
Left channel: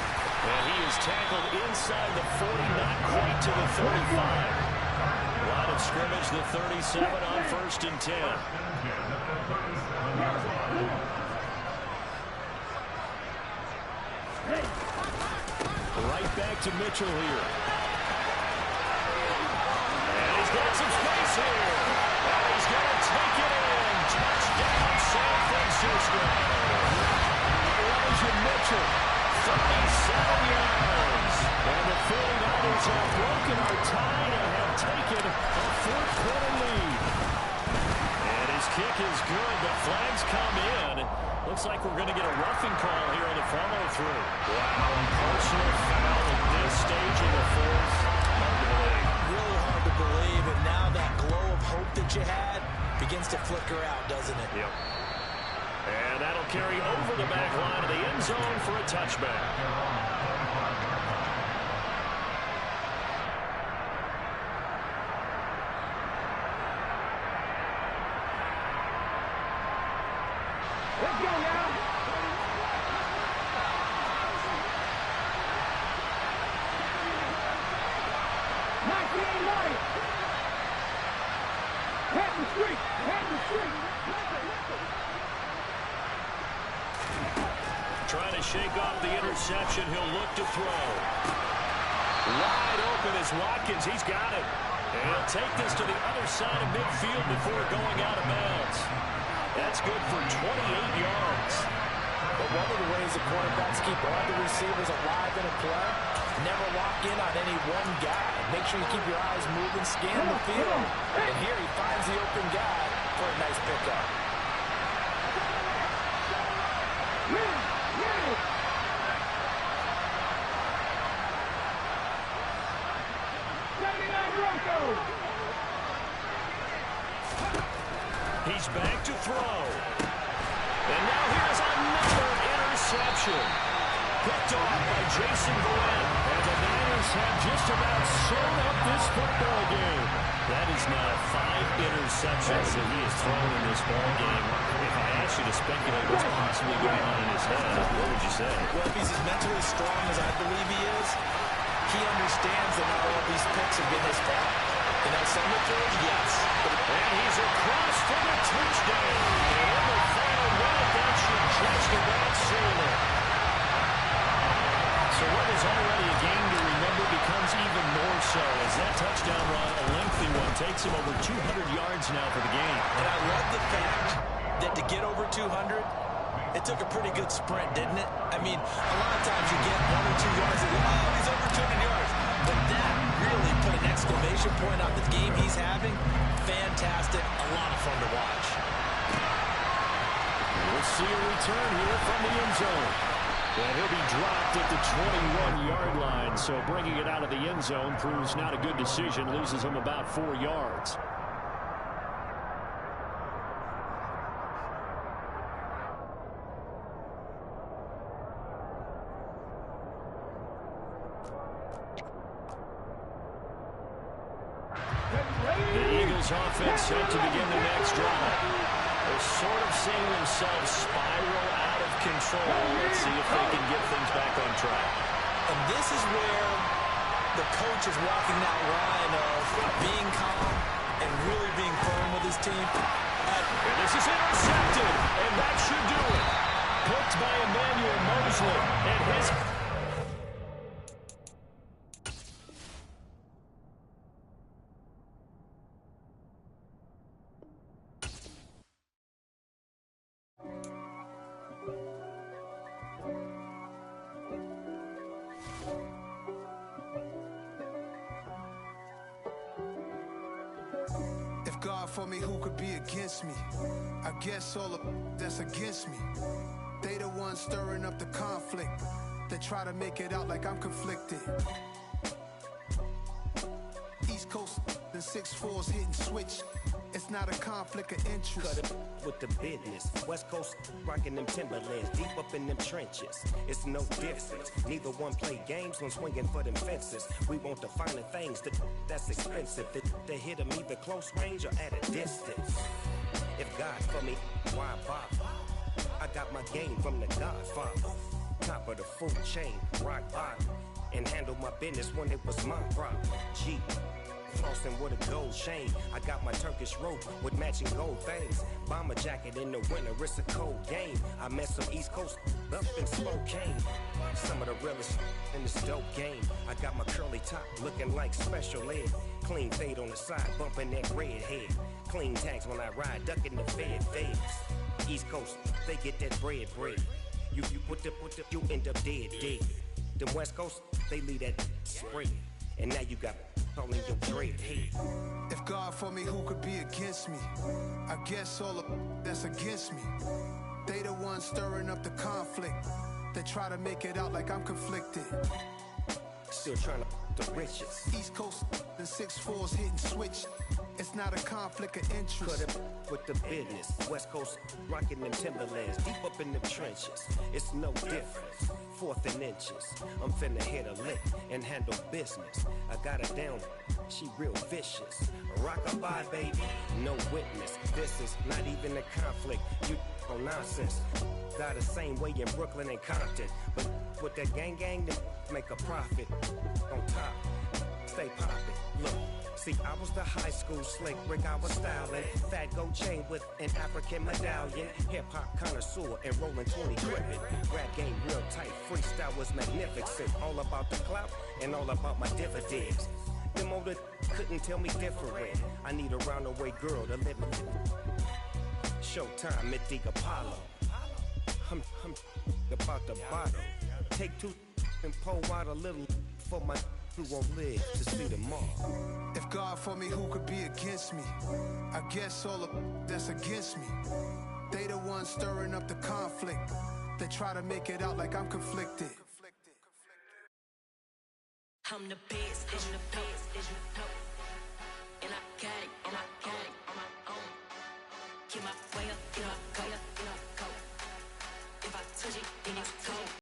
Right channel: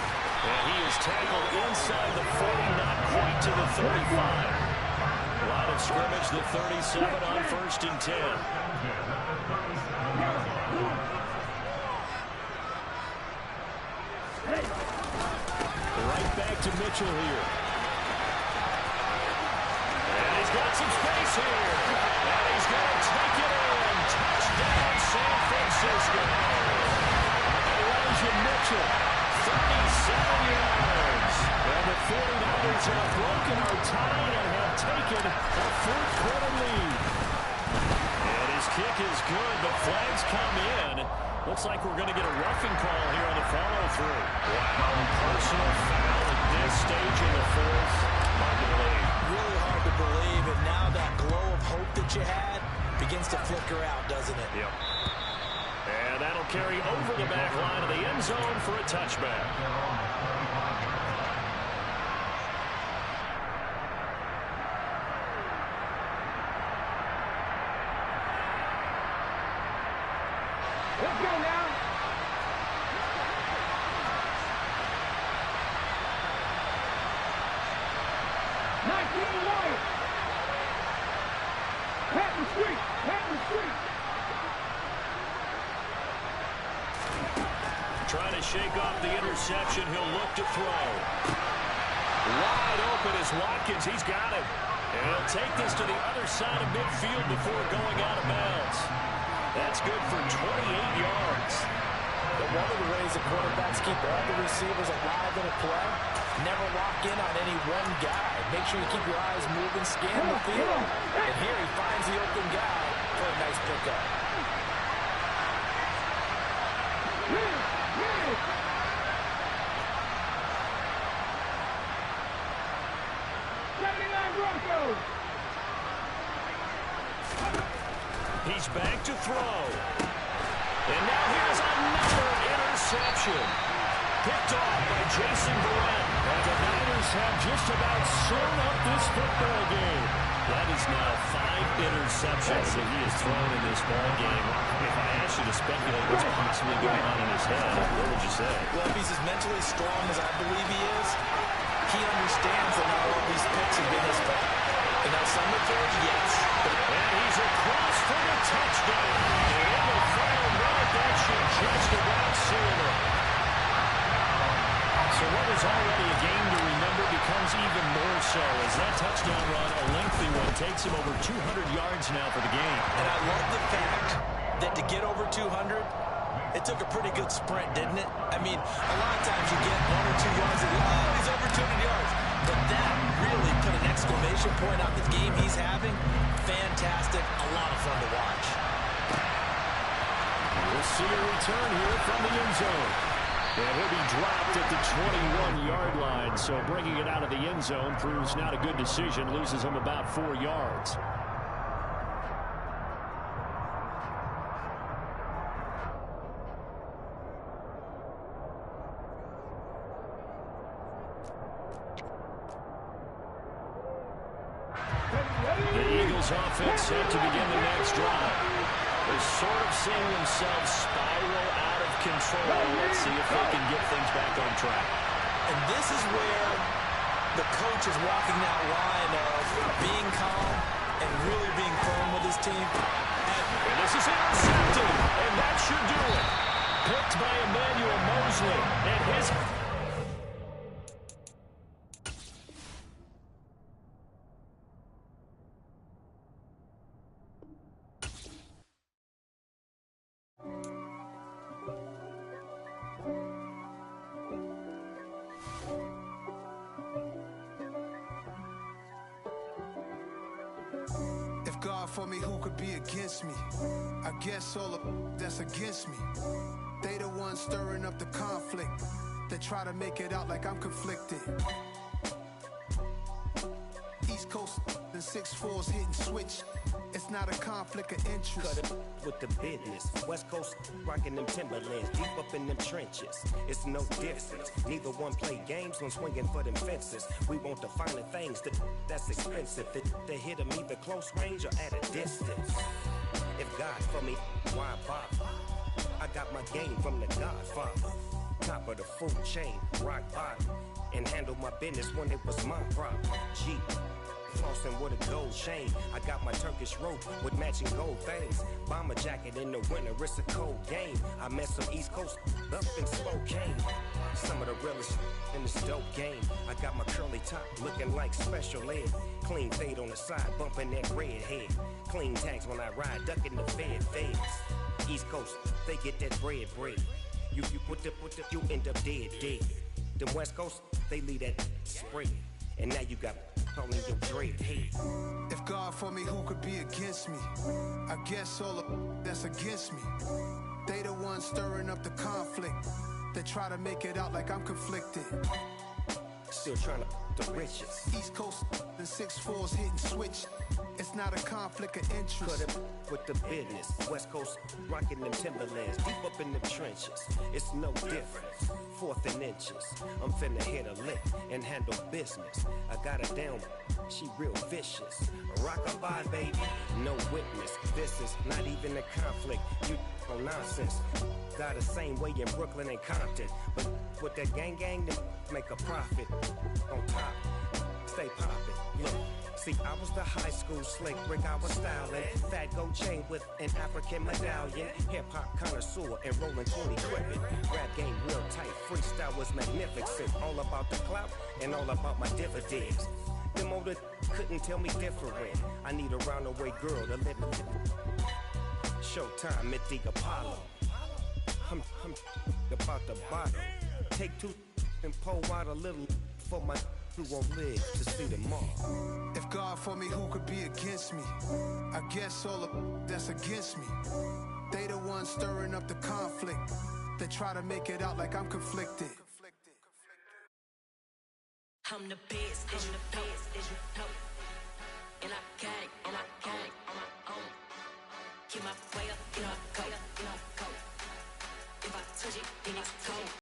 And he is tackled inside the 40, not quite to the 35. Line of scrimmage, the 37 on 1st and 10. Right back to Mitchell here. And he's got some space here. And he's going to take it in. Touchdown, San Francisco. Elijah Mitchell, 37 yards. And the 49ers have broken our tie and have taken a 4th quarter lead. And his kick is good, but flags come in. Looks like we're going to get a roughing call here on the follow-through. Wow, a personal foul at this stage in the 4th. Hard to believe. Really hard to believe, and now that glow of hope that you had begins to flicker out, doesn't it? Yep. And that'll carry over the back line of the end zone for a touchback. Let's go now. White. Pat the street. Pat the street. Trying to shake off the interception. He'll look to throw. Wide open is Watkins. He's got him. And he'll take this to the other side of midfield before going out of bounds. That's good for 28 yards. But one of the ways the quarterbacks keep all the receivers alive in a play, never lock in on any one guy. Make sure you keep your eyes moving, scan the field. And here he finds the open guy for a nice pickup. He's back to throw. And now here's another interception. Picked off by Jason Verrett. And the Niners have just about sewn up this football game. That is now 5 interceptions that he has thrown in this ball game. If I asked you to speculate what's possibly going on in his head, what would you say? Well, if he's as mentally strong as I believe he is, he understands that not all these picks have been his fault. You know, some of the throws, yes. And he's across for the touchdown. And in the final minute, that should just about seal it. So what was already a game to remember becomes even more so as that touchdown run, a lengthy one, takes him over 200 yards now for the game. And I love the fact that to get over 200, it took a pretty good sprint, didn't it? I mean, a lot of times you get 1 or 2 yards and oh, he's over 200 yards. But that really put an exclamation point on the game he's having. Fantastic. A lot of fun to watch. We'll see a return here from the end zone. And he'll be dropped at the 21-yard line. So bringing it out of the end zone proves not a good decision. Loses him about 4 yards. The Eagles offense set to begin the next drive. They're sort of seeing themselves spiral out of control. Let's see if they can get things back on track. And this is where the coach is walking that line of being calm and really being firm with his team. And this is intercepted, and that should do it. Picked by Emmanuel Mosley, and his... God for me, who could be against me? I guess all of that's against me. They the ones stirring up the conflict. They try to make it out like I'm conflicted. East Coast and 6'4s hitting switch. It's not a conflict of interest. Cut it with the business. West Coast rocking them Timberlands, deep up in them trenches. It's no difference. Neither one play games when swinging for them fences. We want the finer things that's expensive. They hit them either close range or at a distance. If God for me, why bother? I got my game from the Godfather. Top of the food chain, rock bottom. And handle my business when it was my problem. G. Flossing with a gold chain. I got my Turkish rope with matching gold things. Bomber jacket in the winter, it's a cold game. I met some East Coast up in Spokane. Some of the realest in this dope game. I got my curly top looking like special ed. Clean fade on the side, bumping that red head. Clean tags when I ride, ducking the feds. East Coast, they get that bread. You put the, you end up dead. Them West Coast, they leave that spread. And now you got calling your dread head. If God for me, who could be against me? I guess all of that's against me. They the ones stirring up the conflict. They try to make it out like I'm conflicted. Still trying to the riches. East Coast and 6'4s hitting switch. It's not a conflict of interest. Cut it with the business. West Coast rocking them Timberlands, deep up in them trenches. It's no difference. 4th and inches. I'm finna hit a lick and handle business. I got her down, she real vicious. Rock-a-bye, baby, no witness. This is not even a conflict. You on nonsense. Got the same way in Brooklyn and Compton. But with that gang, they make a profit. On top, stay poppin'. Look. See, I was the high school slick Rick, I was styling. Fat gold chain with an African medallion. Hip-hop connoisseur and rolling 20 crippin'. Rap game real tight, freestyle was magnificent. All about the clout and all about my dividends. Them older couldn't tell me different. I need a roundaway girl to let me. Showtime at the Apollo. I'm about the bottle. Take two and pour out a little for my who won't live to see tomorrow. If God for me, who could be against me? I guess all of that's against me. They the ones stirring up the conflict. They try to make it out like I'm conflicted. I'm the best, I'm the best, and I got it, on my own. Keep my way up,